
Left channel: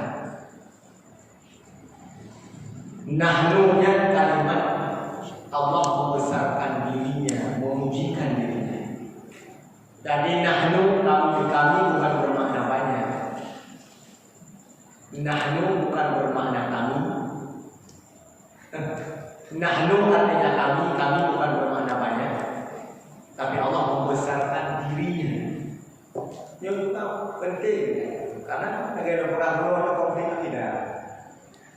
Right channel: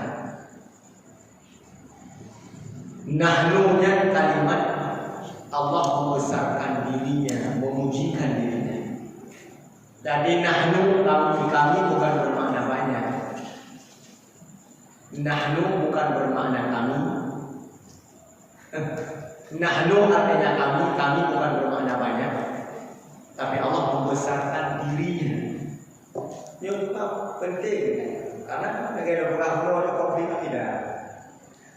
Nahnu yang kalimat Allah membesarkan dirinya, memujikan dirinya. Jadi nahnu kami bukan bermakna banyak. Nahnu bukan bermakna kami. Nahnu artinya kami bukan bermakna banyak. Tapi Allah membesarkan dirinya. Yang juga penting karena negara Bung ada konflik tidak.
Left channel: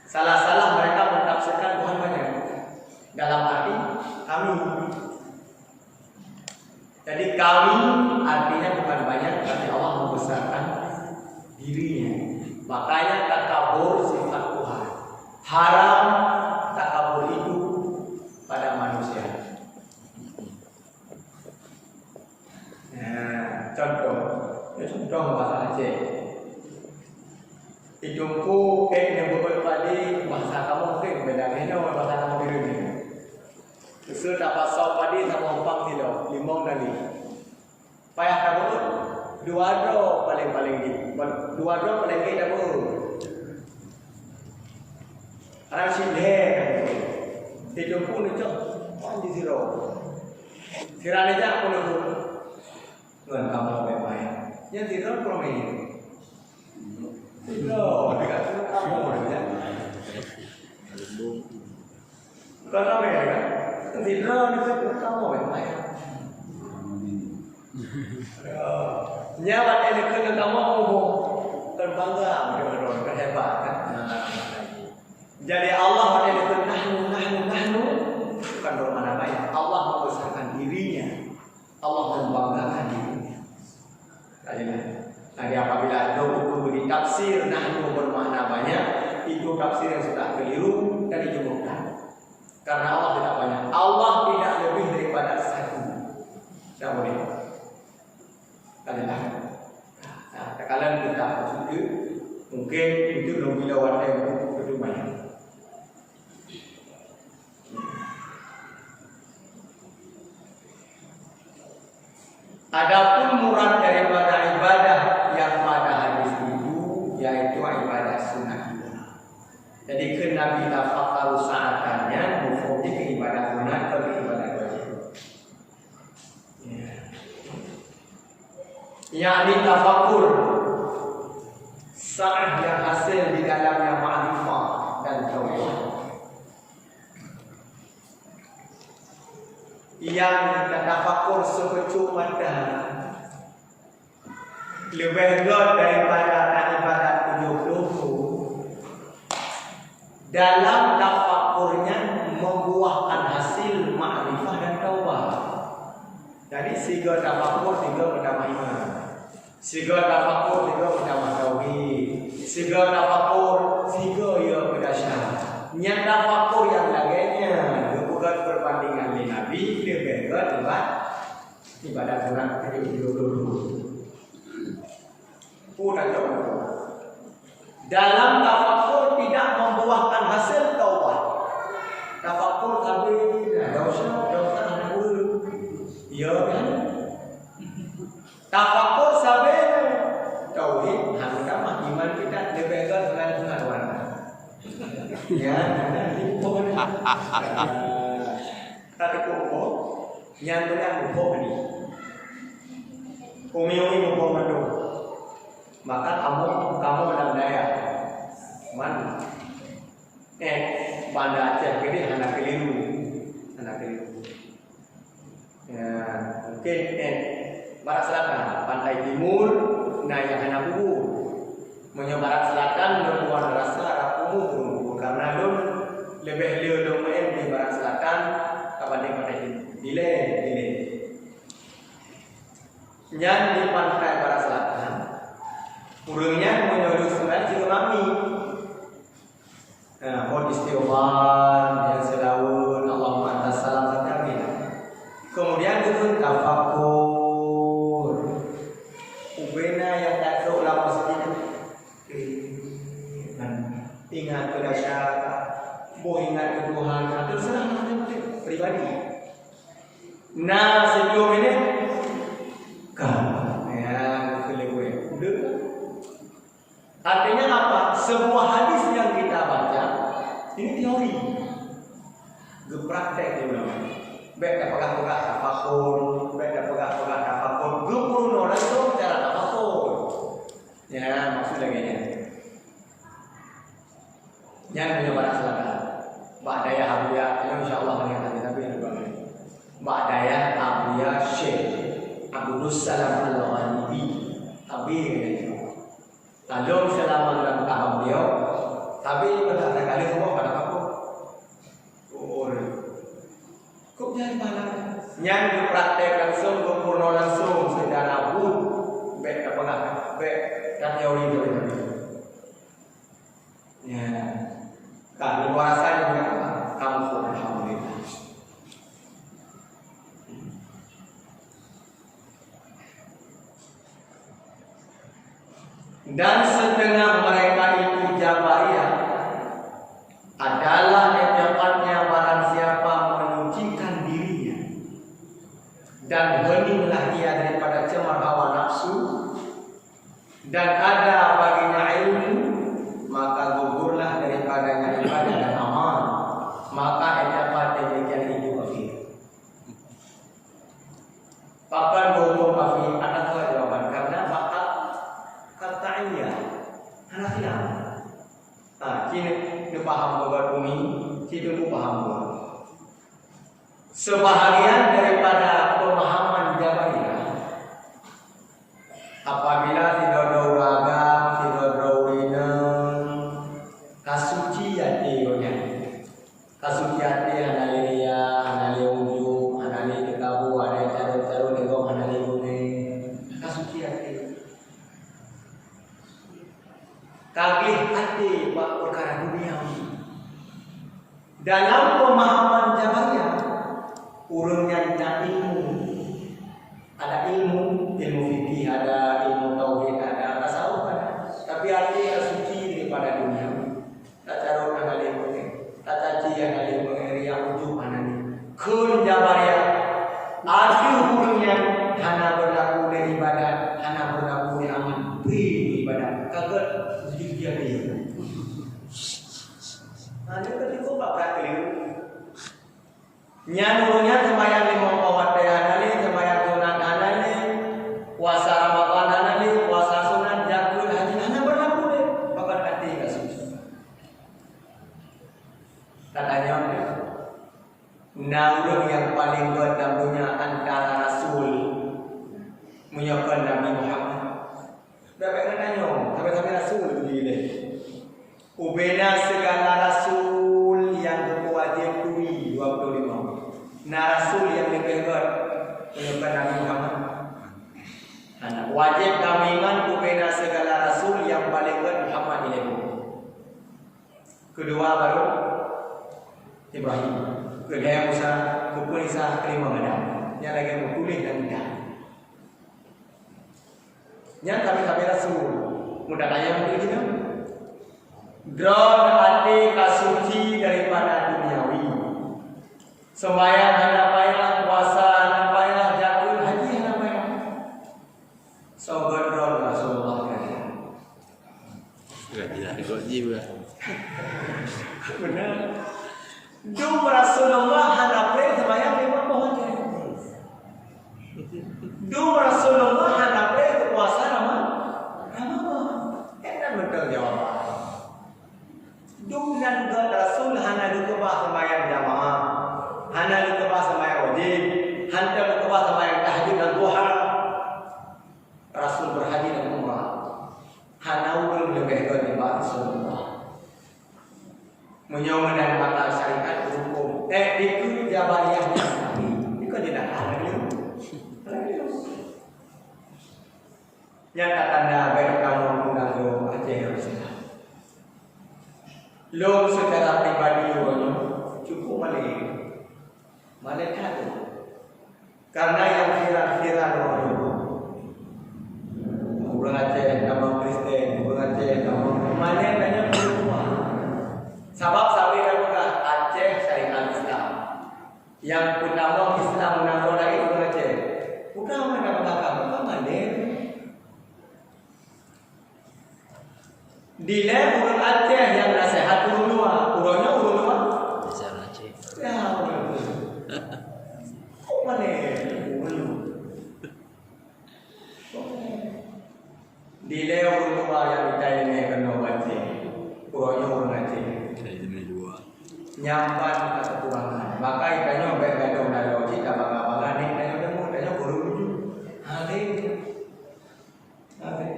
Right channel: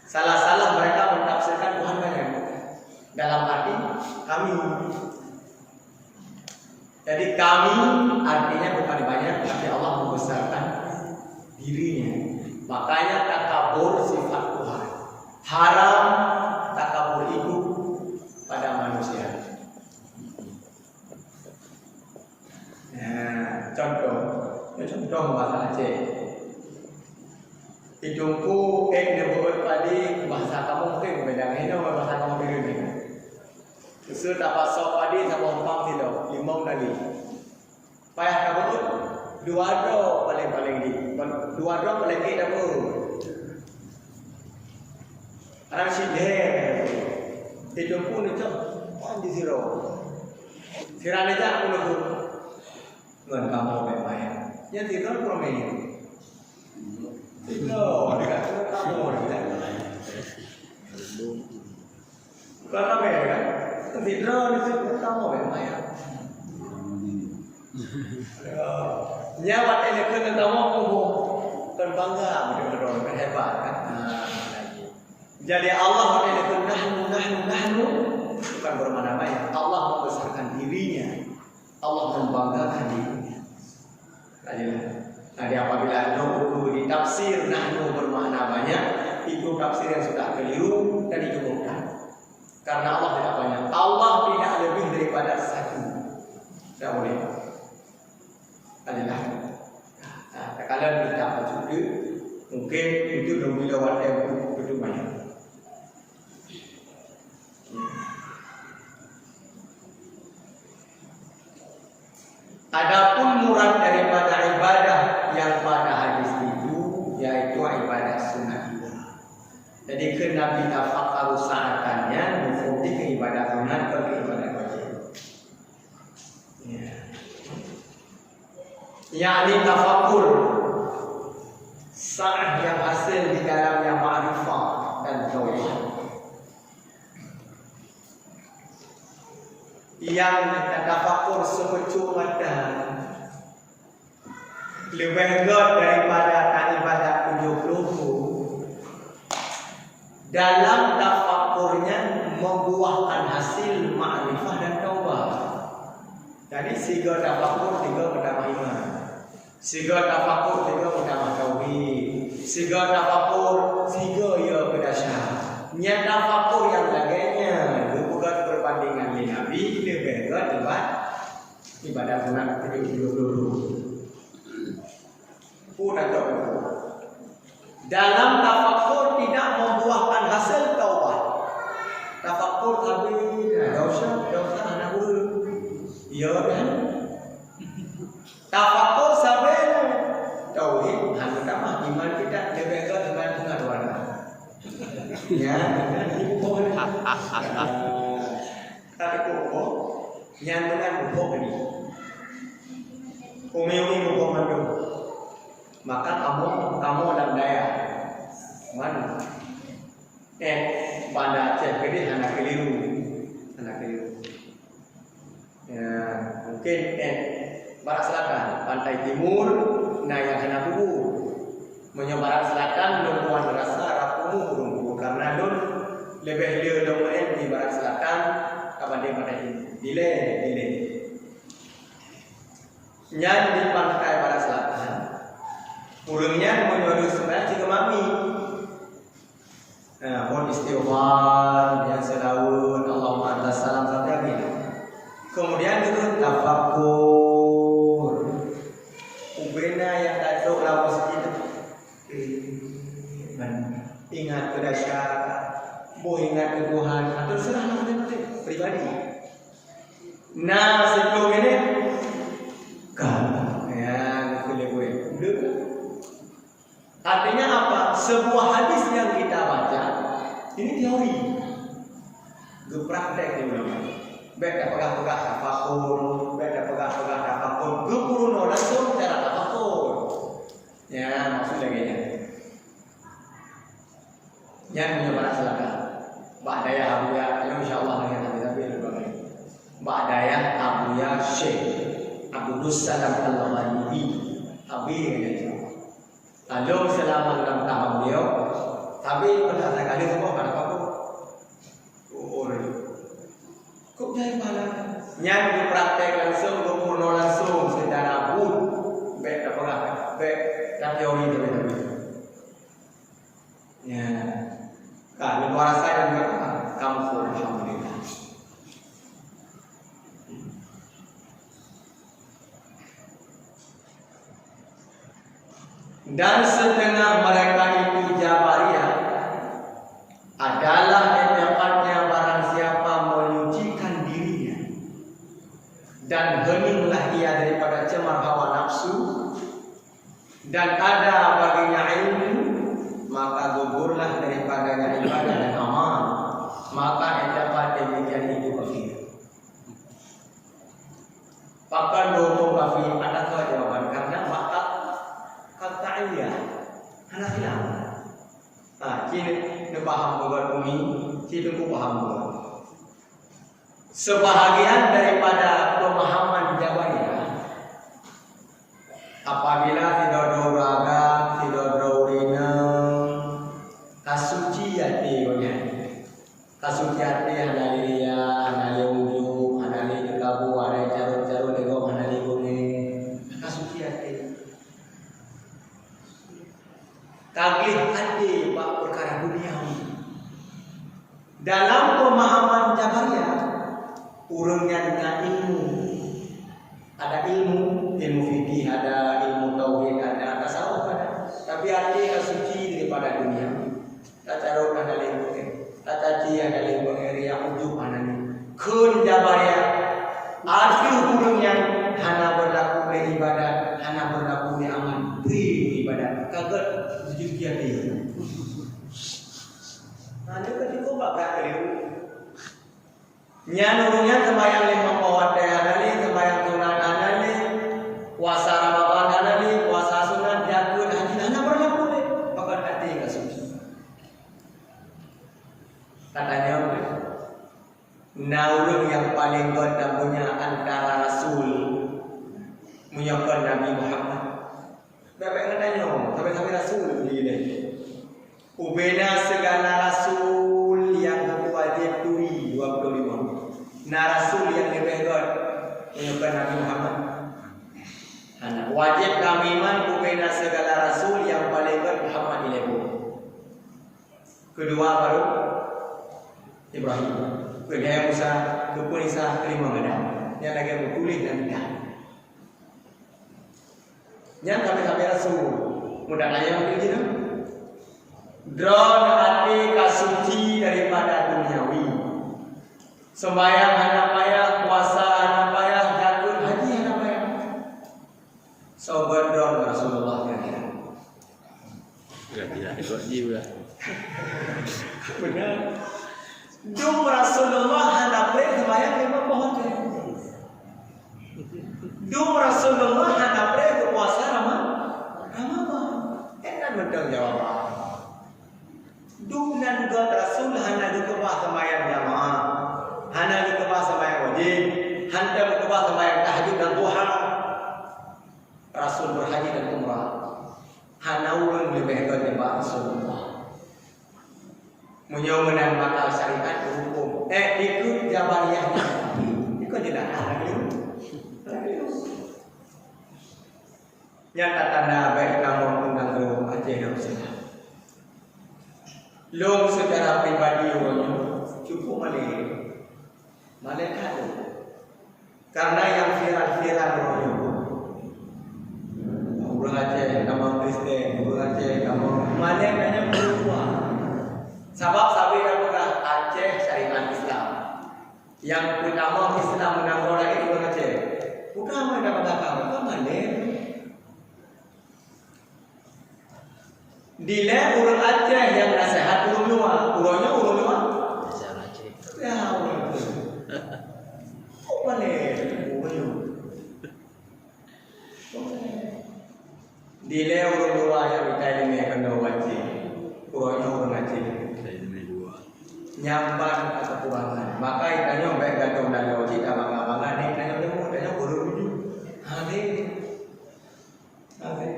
Salah-salah mereka mentafsirkan Tuhan banyak. Dalam arti kami. Jadi kami artinya bukan banyak, tapi Allah membesarkan dirinya. Makanya takabur sifat Tuhan. Haram takabur itu pada manusia. Nah, contoh bahasa Aceh. Hidungku nebut padi bahasa kamu mungkin beda ini bahasa kamu biru ni. Usul dapat sop padi sama umpang tidak limau tadi. Payah kamu dua dro paling di dua dro paling kita bu. Orang sidhe hidungku ni cok di zero. Sirane jak pun aku ngan kamu bebaya. Yang zero promen. Tidak, dekat kamu dah. Bukan apa ya kan? Tidak, dekat kamu memang. Nyawat ini kena kamu ngomong, kan bangga, betul-betul hebat kan? Jadi Allah ini kena nahnu, bukan bermakna banyak. Allah membesarkan dirinya, Allah membanggakan dirinya. Jadi apabila buku ditafsir nahnu bermakna banyak, itu tafsir yang sudah keliru dan itu bukan. Karena Allah tidak banyak. Allah tidak lebih daripada satu. Tidak boleh. Adalah. Nah, kalau kita maksud mungkin itu bila waktu yang betul banyak. Adapun murad daripada ibadah yang pada hadis itu yaitu ibadah sunnah. Jadi kena kita fakar saatannya mufti ke ibadah sunnah atau ke ibadah wajib. Yakni tafakur saat yang hasil di dalamnya ma'rifah dan tauhid. Yang tafakur sepercuma dah lebih god daripada ibadat 70 dalam tafakurnya membuahkan hasil ma'rifah dan taubat. Jadi siga tafakur tiga pertama iman, siga tafakur tiga pertama tauhid, siga tafakur tiga ya kedasyan. Nya tafakur yang lainnya bukan perbandingan dengan Nabi lebih god ibadat sunat 70. Dalam tafakur tidak membuahkan hasil taubat. Tafakur habis dosa anak guru. Ya kan? Tafakur sampai tauhid hanya tambah iman kita lebih ke dengan pengetahuan. Ya, ibu pohon. Ada kumpul yang benar buku ini. Umi buku mandu. Maka kamu dalam daya mana Banda Aceh gede anak keliru ya mungkin barat selatan pantai timur nah yang anak bubu menyebarat selatan lembungan rasa rapumu burung karena don lebih liu domain di barat selatan kabanding pantai timur dile nyan di pantai barat selatan burungnya menyuruh sembahyang jika mami. Nah, pun istighfar yang selaun Allahumma antas salam sampai amin. Kemudian itu tafakur. Ubena yang tak tahu lah masjid. Ingat pada siapa? Boh ingat ke Tuhan. Atau serah masing-masing pribadi. Nah sebelum ini kan yang kelewat. Artinya apa? Sebuah hadis yang kita baca ini teori. Gepraktek di ulama. Baik dah pegang-pegang tafakur, baik dah pegang-pegang tafakur. Guru langsung cara tafakur. Ya, maksud lagi nya. Yang punya barang silakan. Mbak Daya Abuya, ini insya-Allah kan tapi lebih bagus. Mbak Daya Abuya Syekh Abdul Salam Al-Ghalibi. Abi kata insya-Allah. Lalu selama dalam tahap beliau, tapi pada kali semua pada aku. Kok jadi malam? Yang dipraktek langsung, dipurno langsung secara bud, baik apa enggak, baik dan teori itu. Ya, kalau luar saya juga kamu alhamdulillah. Dan setengah mereka itu Jabariyah adalah etikatnya barang siapa menyucikan dirinya dan heninglah ia daripada cemar hawa nafsu dan ada baginya ilmu maka gugurlah daripadanya ibadah dan amal maka etikat demikian itu kafir. Pakan bohong kafir ada jawaban karena maka kata iya anak hilang. Nah, kini paham kabar bumi, kini paham buat. Sebahagian daripada pemahaman Jabariyah, apabila tidak beragam, tidak berurinam, kasucian dia, kasucian dia analia, analia ujung, analia kabu, ada caru-caru dengan analia bumi, kasucian dia. Kagih hati bab perkara duniawi. Dalam pemahaman Jabariyah, urungnya tentang ilmu. Ada ilmu fikih, ada ilmu tauhid, ada tasawuf ada. Tapi hati suci daripada dunia. Tak carut ada ilmu, tak caci ada ilmu yang ujung anani. Kun Jabariyah, arti urungnya hana berlaku di ibadah, hana berlaku di amal. Ibadah kaget sujud dia dia. Ini ketika bapak keliru. Nyanunya sembahyang 5 waktu anali, sembahyang sunat anali, puasa Ramadan anali, puasa sunat jakul haji hana berlaku deh. Bapak hati enggak susah. Katanya naulun yang paling berdampingnya antara Rasul menyokong Nabi Muhammad. Bapak katanya, sampai Rasul begini. Ubena segala Rasul yang wajib turi 25. Nah Rasul yang lebih god menyokong Nabi Muhammad. Anak wajib kami iman ubena segala Rasul yang paling god Muhammad ilmu. Kedua baru Ibrahim. Kedua Musa, kedua Isa, kelima Adam. Yang lagi bertulis dan tidak. Yang kami Rasul mudah tanya mungkin gitu. Drone hati kasuci daripada duniawi. Sembahyang hana payah, puasa hana payah, jakun haji hana payah. Sobat drone Rasulullah kata. Tidak ikut jiwa. Benar. Dum Rasulullah hana payah sembahyang 5 pohon. Dum Rasulullah hana payah puasa Ramadan. Enak betul jawaban. Dengan God Rasul hana dikebah sembahyang jamaah, hana dikebah sembahyang wajib, hana dikebah sembahyang tahajud dan duha. Rasul berhaji dan umrah. Hana ulun lebih daripada Rasulullah. Menyomenang maka syariat hukum. Ikut Jabariyahnya. Ikut tidak hana gitu. Yang tanda baik kamu undang ke Aceh Darussalam. Lo secara pribadi cukup malaikat. Karena yang viral-viral orang Aceh, nama Kristen, orang Aceh, nama mana banyak berubah. Sebab sabi kata Aceh syariat Islam. Yang utama Islam menanggung lagi orang Aceh. Bukan mana belakang, bukan mana. Dile orang Aceh yang nasihat orang luar, orangnya orang luar. Saya Aceh. Ya, orang itu. Kok mana? Dile orang luar yang kita ini kena Aceh, orangnya orang Aceh. Saya demi dua. Nyamban atau kurangan. Maka ikannya baik gadong dan logik tak bangga-bangga ni ikannya demo, ikannya guru tuju. Hadi. Hadi.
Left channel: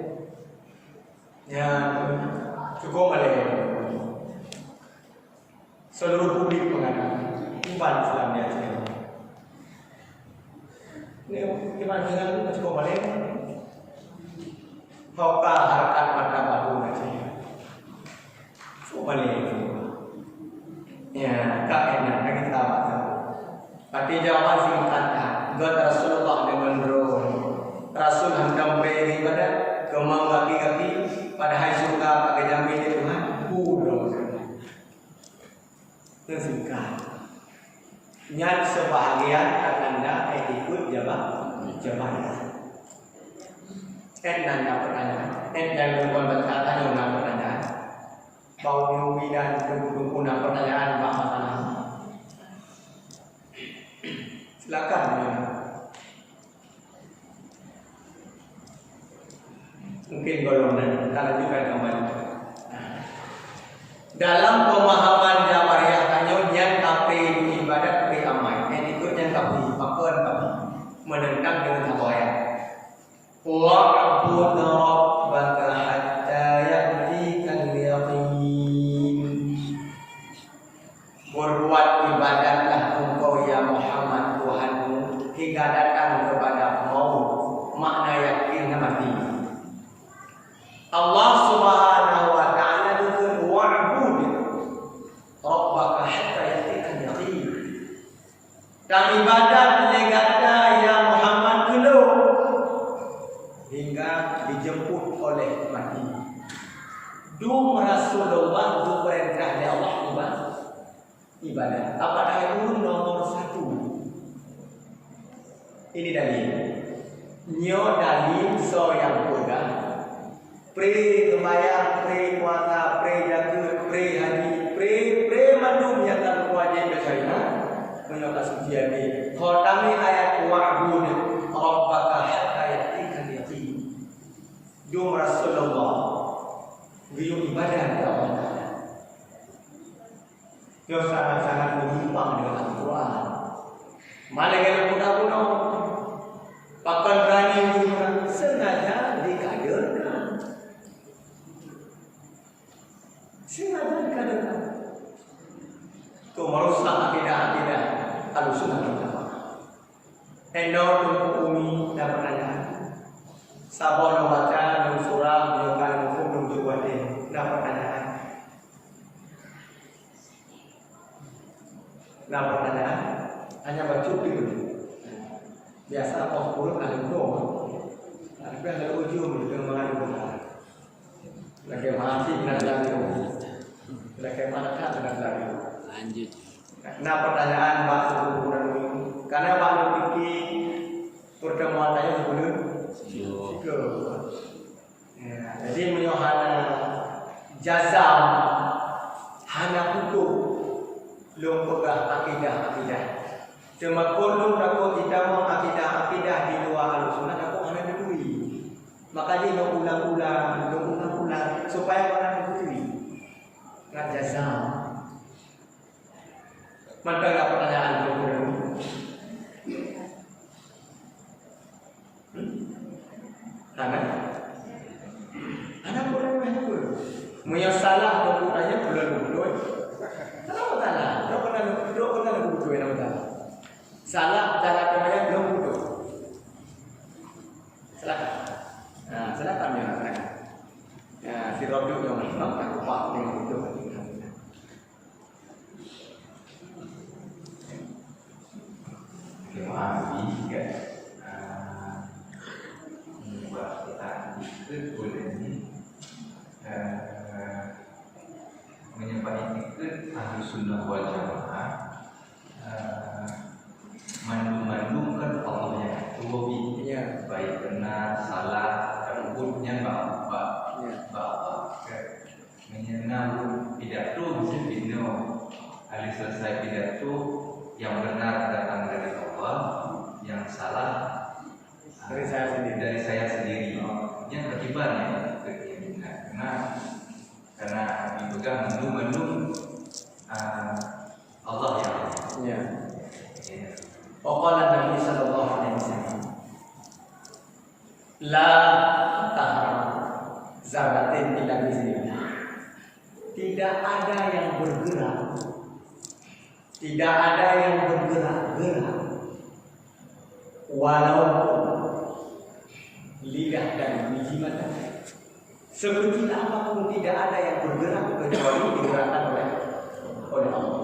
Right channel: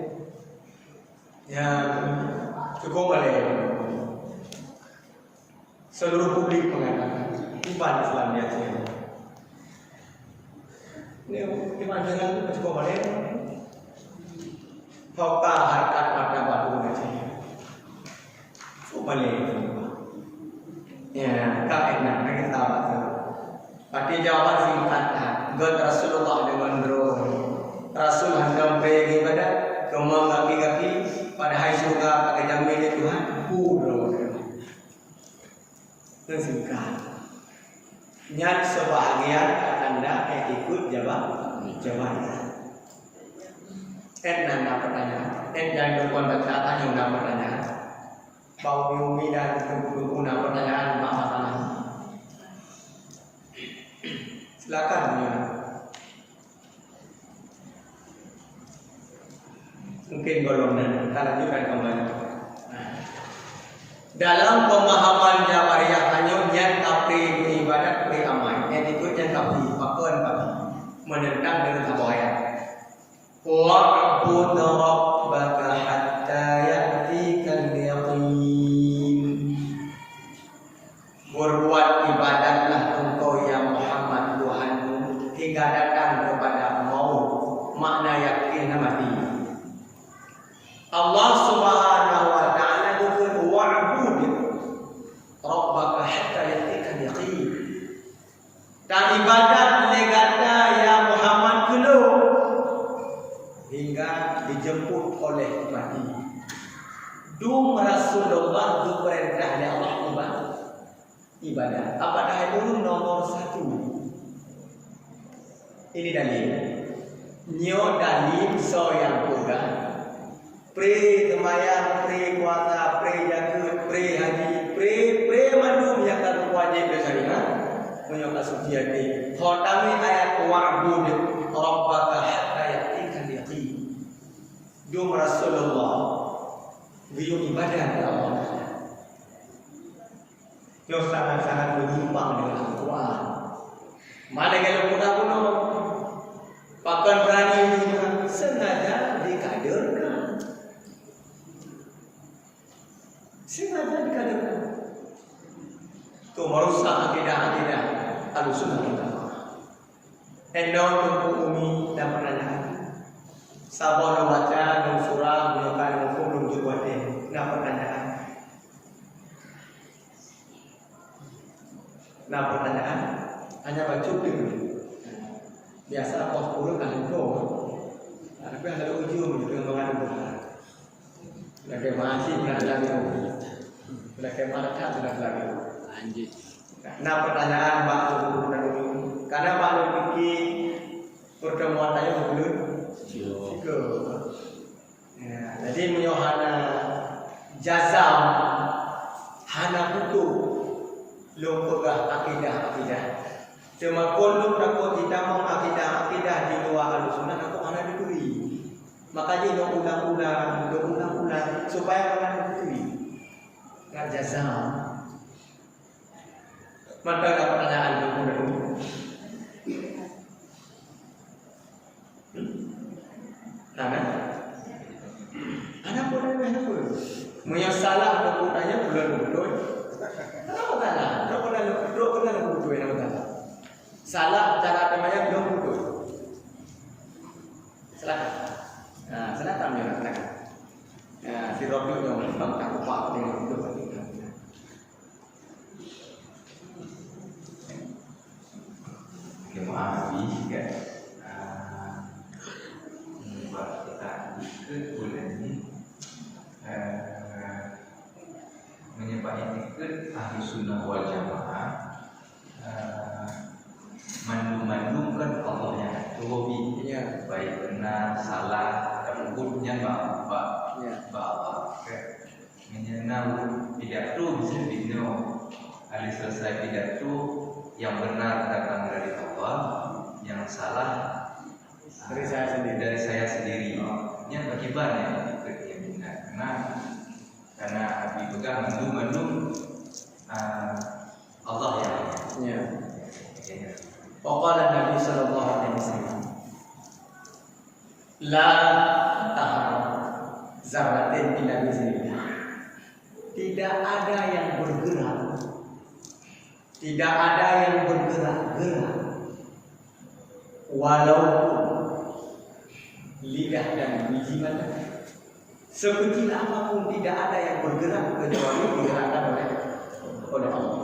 Ya, cukup balik. Seluruh publik mengatakan iman Islam di Aceh. Ini iman Islam cukup balik. Hoka harkat mata bahu Aceh. Cukup balik. Ya, tak enak lagi tahu. Pati jawaban singkatnya. God Rasulullah dengan roh. Rasul hendak pergi pada kemau kaki-kaki pada hari surga pakai jamin itu Tuhan. Roh. Singkat. Nyat sebahagian anda ikut jawab. Nanda pertanyaan. Yang lupa baca tanya pertanyaan. Bau Yumi dan guna pertanyaan Pak Matana. Silakan. Mungkin golongan kita lanjutkan kembali. Dalam pemahaman Jabariyah hanya yang kapri ibadat pri amai. Yang ikut yang kapri pakon kapri menentang dengan tabayat. Wa'bud rabbaka hatta ya'tikal yaqin. Berbuat ibadatlah engkau ya Muhammad Tuhanmu hingga datang kepada maut, makna yakin mati. Allah Subhanahu wa taala berfirman wa'bud rabbaka hatta ya'tikal yaqin. Dan ibadat legata ya Muhammad kena hingga dijemput oleh mati. Dum Rasulullah du perintah oleh Allah ibadah. Apakah itu nomor 1? Ini dalil. Nyo dalil so yang kuda. Pre kemayang, pre kuasa, pre jaga, pre haji, pre mandum yang akan wajib bersyariat. Menyoka suci hati. Khotami ayat wa'bud rabbaka hatta ya'tikal yaqin. Dum Rasulullah biu ibadah ya Allah. Yo sangat-sangat menyimpang dengan Al-Quran. Mana kalau muda kuno pakai berani sengaja dikaderkan. Itu merusak akidah-akidah Ahlussunnah kita. Endor tunggu umi dan pertanyaan. Sabah dan baca dan surah menyukai hukum dan jubuati dan pertanyaan. Nah pertanyaan hanya baca dulu. Biasa kau kurung ada dua, tapi ada ujung dengan mengadu benar. Lagi masih nak lagi, lagi mana tak sudah lagi. Lanjut. Nah pertanyaan baru karena baru fikir pertemuan tadi sebelum. Ya, jadi menyohana jazam hana kutu lumpugah akidah. Cuma kolum takut kita mau akidah di luar Ahlussunnah aku hana dikui. Maka dia nak ulang-ulang supaya mana dikui. Nak jazam. Maka ada pertanyaan dulu. Anak pun ada apa? Menyalah dokumennya bulan betul. Kenapa salah? Dokumen betul yang salah. Salah cara temannya belum betul. Silakan. Nah, silakan ya, silakan. Ya, si Robi yang memang tak kuat dengan itu. Maaf, kan. Buat kita ikut boleh ni menyebabkan ikut ahli sunnah wal jamaah mengandungkan Allah yang hobi, baik benar salah rambutnya apa menyenang pidato bisa dino hari selesai pidato yang benar datang dari Allah, yang salah dari saya sendiri yang berkibarnya karena dipegang mendung Allah yang Pokoknya Nabi Sallallahu Alaihi Wasallam la tahar zarratin illa biiznillah. Tidak ada yang bergerak, tidak ada yang bergerak-gerak walaupun lidah dan biji mata. Sekecil apapun tidak ada yang bergerak kecuali digerakkan oleh Allah.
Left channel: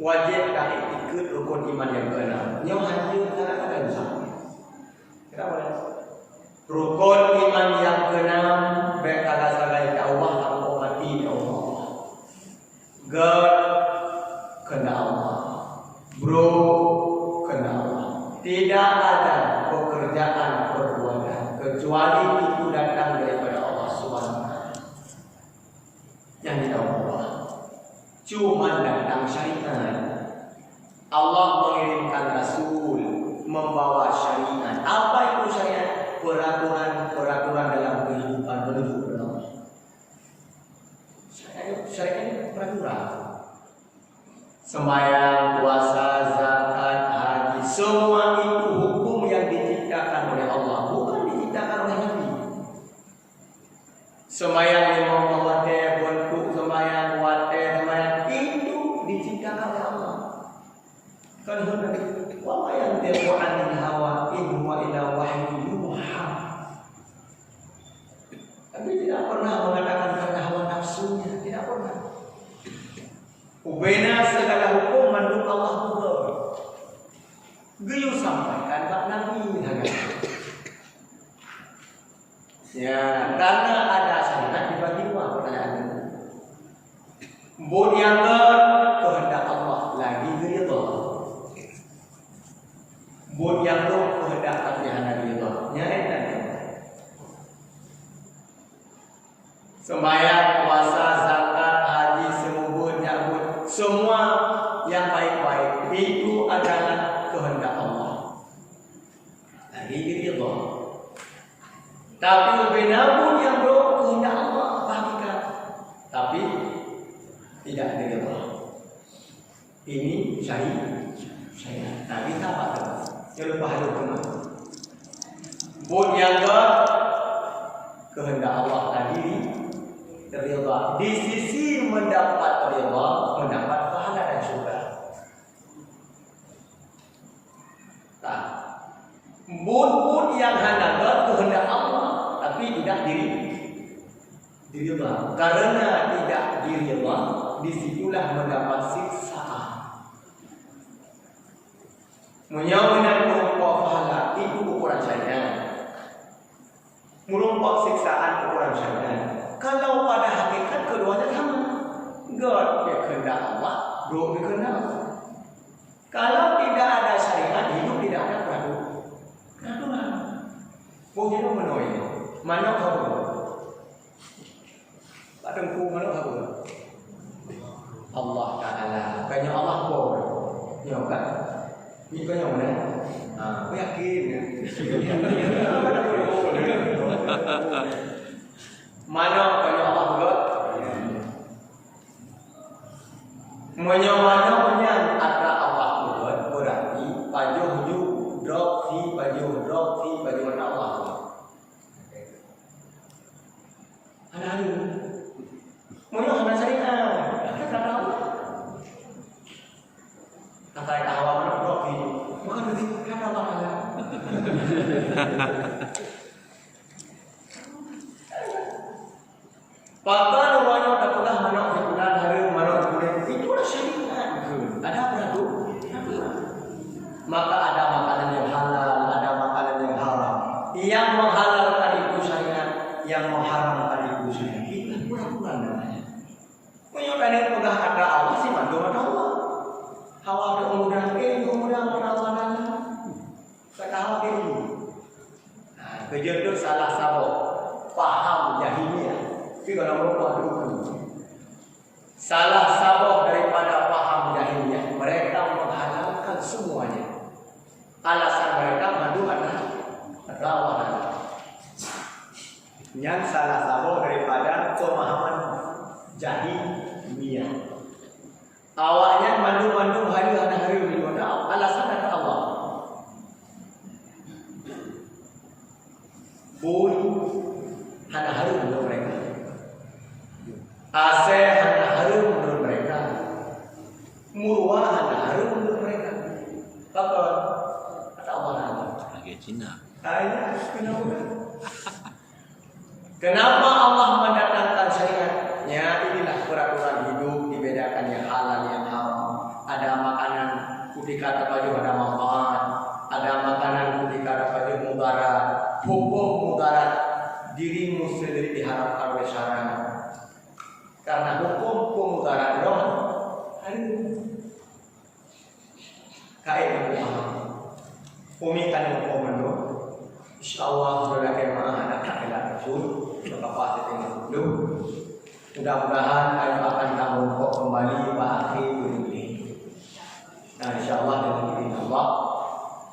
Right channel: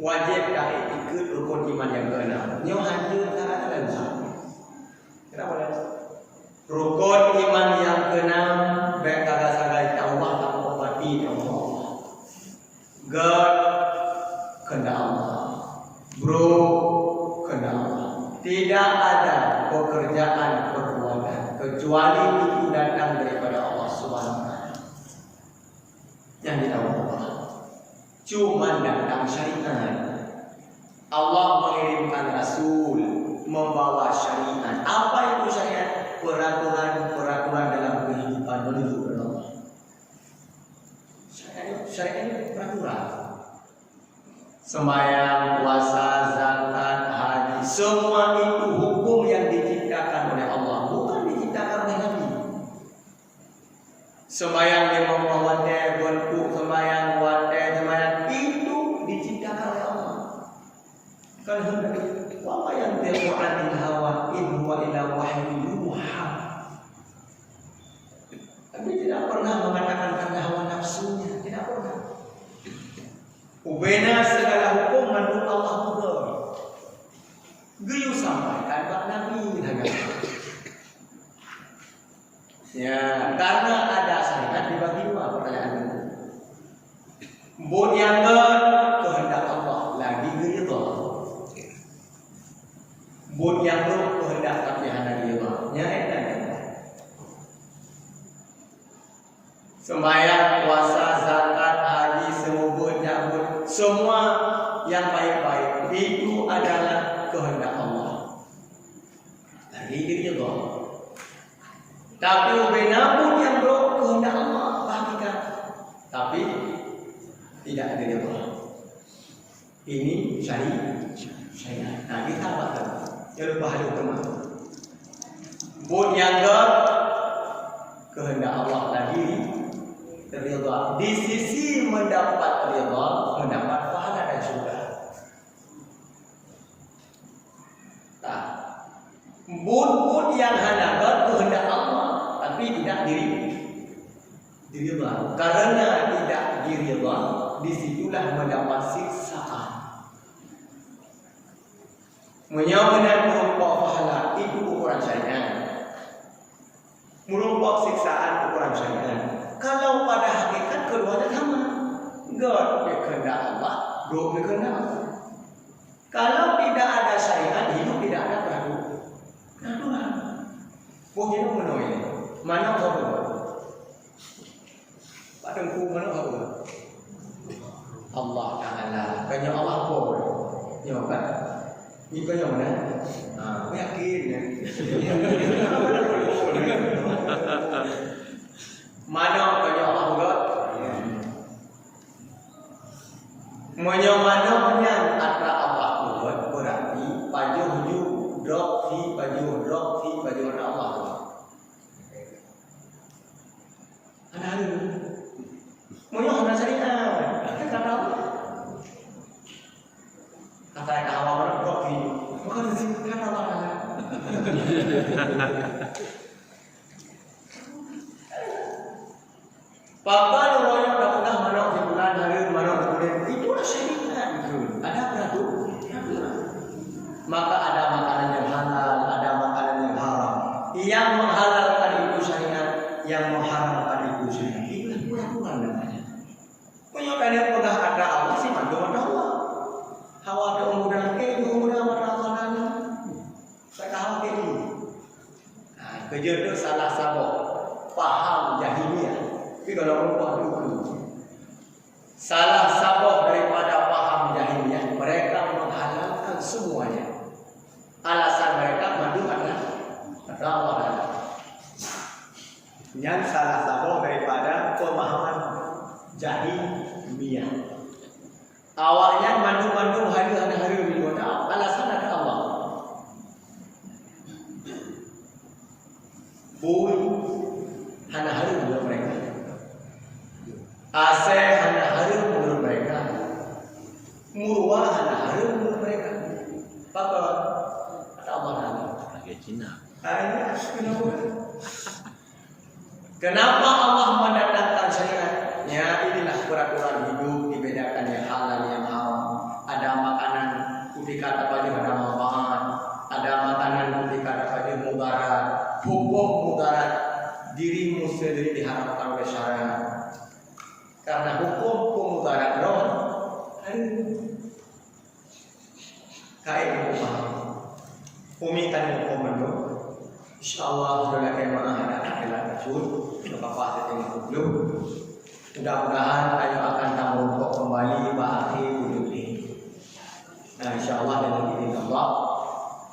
Wajib kami ikut rukun iman yang keenam. Nyo hanya tak ada usaha. Kenapa? Rukun iman yang keenam baik kagak sagai ke Allah tanpa mati Allah. God kena Allah. Bro kena Allah. Tidak ada pekerjaan perbuatan kecuali itu datang daripada Allah Subhanahu wa taala. Yang ditahu Allah. Cuma datang syariat. Allah mengirimkan Rasul membawa syariat. Apa itu syariat? Peraturan dalam kehidupan menuju ke Allah. Syariat ini peraturan. Sembahyang, puasa, zakat, haji, semua itu hukum yang diciptakan oleh Allah, bukan diciptakan oleh Nabi. Sembahyang 5 waktu, bentuk sembahyang waktu, sembahyang itu diciptakan oleh Allah. Kalau Nabi, wa yang tiqu anil hawa in huwa illa wahyu yuha. Tapi tidak pernah mengatakan karena hawa nafsunya, tidak pernah. Ubena segala hukum menurut Allah juga. Geyu sampaikan Pak Nabi ya, karena ada syariat dibagi dua pertanyaan ini. Bud yang kehendak Allah lagi ridha. Bud yang kehendak tapi hanya ridha. Nyata. Sembahyang, puasa, zakat, haji, semua nyabut, semua yang baik-baik itu adalah kehendak Allah. Lagi ridha. Tapi ubinabun yang belum kehendak Allah hakikat, tapi tidak ada ridha. Ini syariat. Nah kita apa? Yang lupa halu benar. Bud yang kehendak Allah lagi ridha. Di sisi mendapat ridha, mendapat pahala dan syurga. Bud yang hanya kehendak Allah tapi tidak diridha. Karena tidak diridha, disitulah mendapat siksaan. Menyamakan merumpok pahala itu ukuran syariat. Merumpok siksaan ukuran syariat. Kalau pada hakikat keduanya sama. God berkehendak Allah, bro berkehendak Allah. Kalau tidak ada syariat, hidup tidak ada peraturan. Boleh dong menoi ni. Mana apa? Pak Tengku mana apa? Allah Taala. Banyak Allah pun. Ya kan? Ni kau yang mana? Kau yakin? Mana banyak Allah juga? Mana antara Allah juga berarti pajuh drop fi pajuh Allah. Ada Moyo hana syariat. Kita tahu. Kata yang awal mana doki. Bukan di kan Allah ada. Bahkan orang dah pernah manok di bulan hari manok di bulan itulah syariat. Ada peraturan. Maka ada makanan yang yang menghalalkan itu syariat, yang mengharamkan itu syariat. Itulah keyakinan namanya. Penyokane pegah ada Allah sih mandu ada Allah. Hawa ada umuran ke, umuran merasakan. Sekarang ini. Nah, kejodoh salah satu paham jahiliyah. Tapi kalau mereka itu salah satu daripada paham jahiliyah, mereka menghalalkan semuanya. Alasan mereka mandu ada Allah. Yang salah satu daripada pemahaman jahiliyah. Awalnya mandu-mandu hari-hari itu alasan ada Allah. Bui hana harum menurut mereka. AC hana harum menurut mereka. Murwa hana harum menurut mereka. Apa? Kata Allah Taala. Lagi Cina. Ayat kenapa? Kenapa Allah mendatangkan syariat? Ya, inilah peraturan hidup, dibedakan yang halal yang haram. Ada makanan putih kata baju ada manfaat, ada makanan putih kata baju mudarat. Hukum mudarat dirimu sendiri diharapkan oleh syariat. Karena hukum pemudarat roh kayak gitu. Umikan hukum itu. InsyaAllah sudah kemah ada kakela kecil, lepas itu dulu. Mudah-mudahan kayu akan tanggung kembali bagi ini. Nah, InsyaAllah dengan izin Allah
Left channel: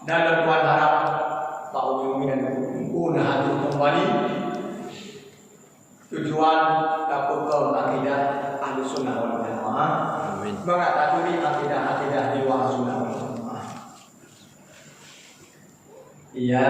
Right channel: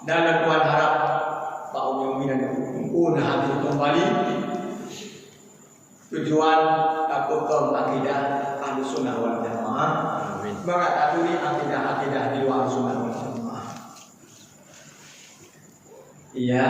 dan lepuan harap Pak Umi dan Ibu hadir kembali. Tujuan dapur akidah ahli sunnah wal jamaah. Mengatasi akidah di luar sunnah wal jamaah. Ya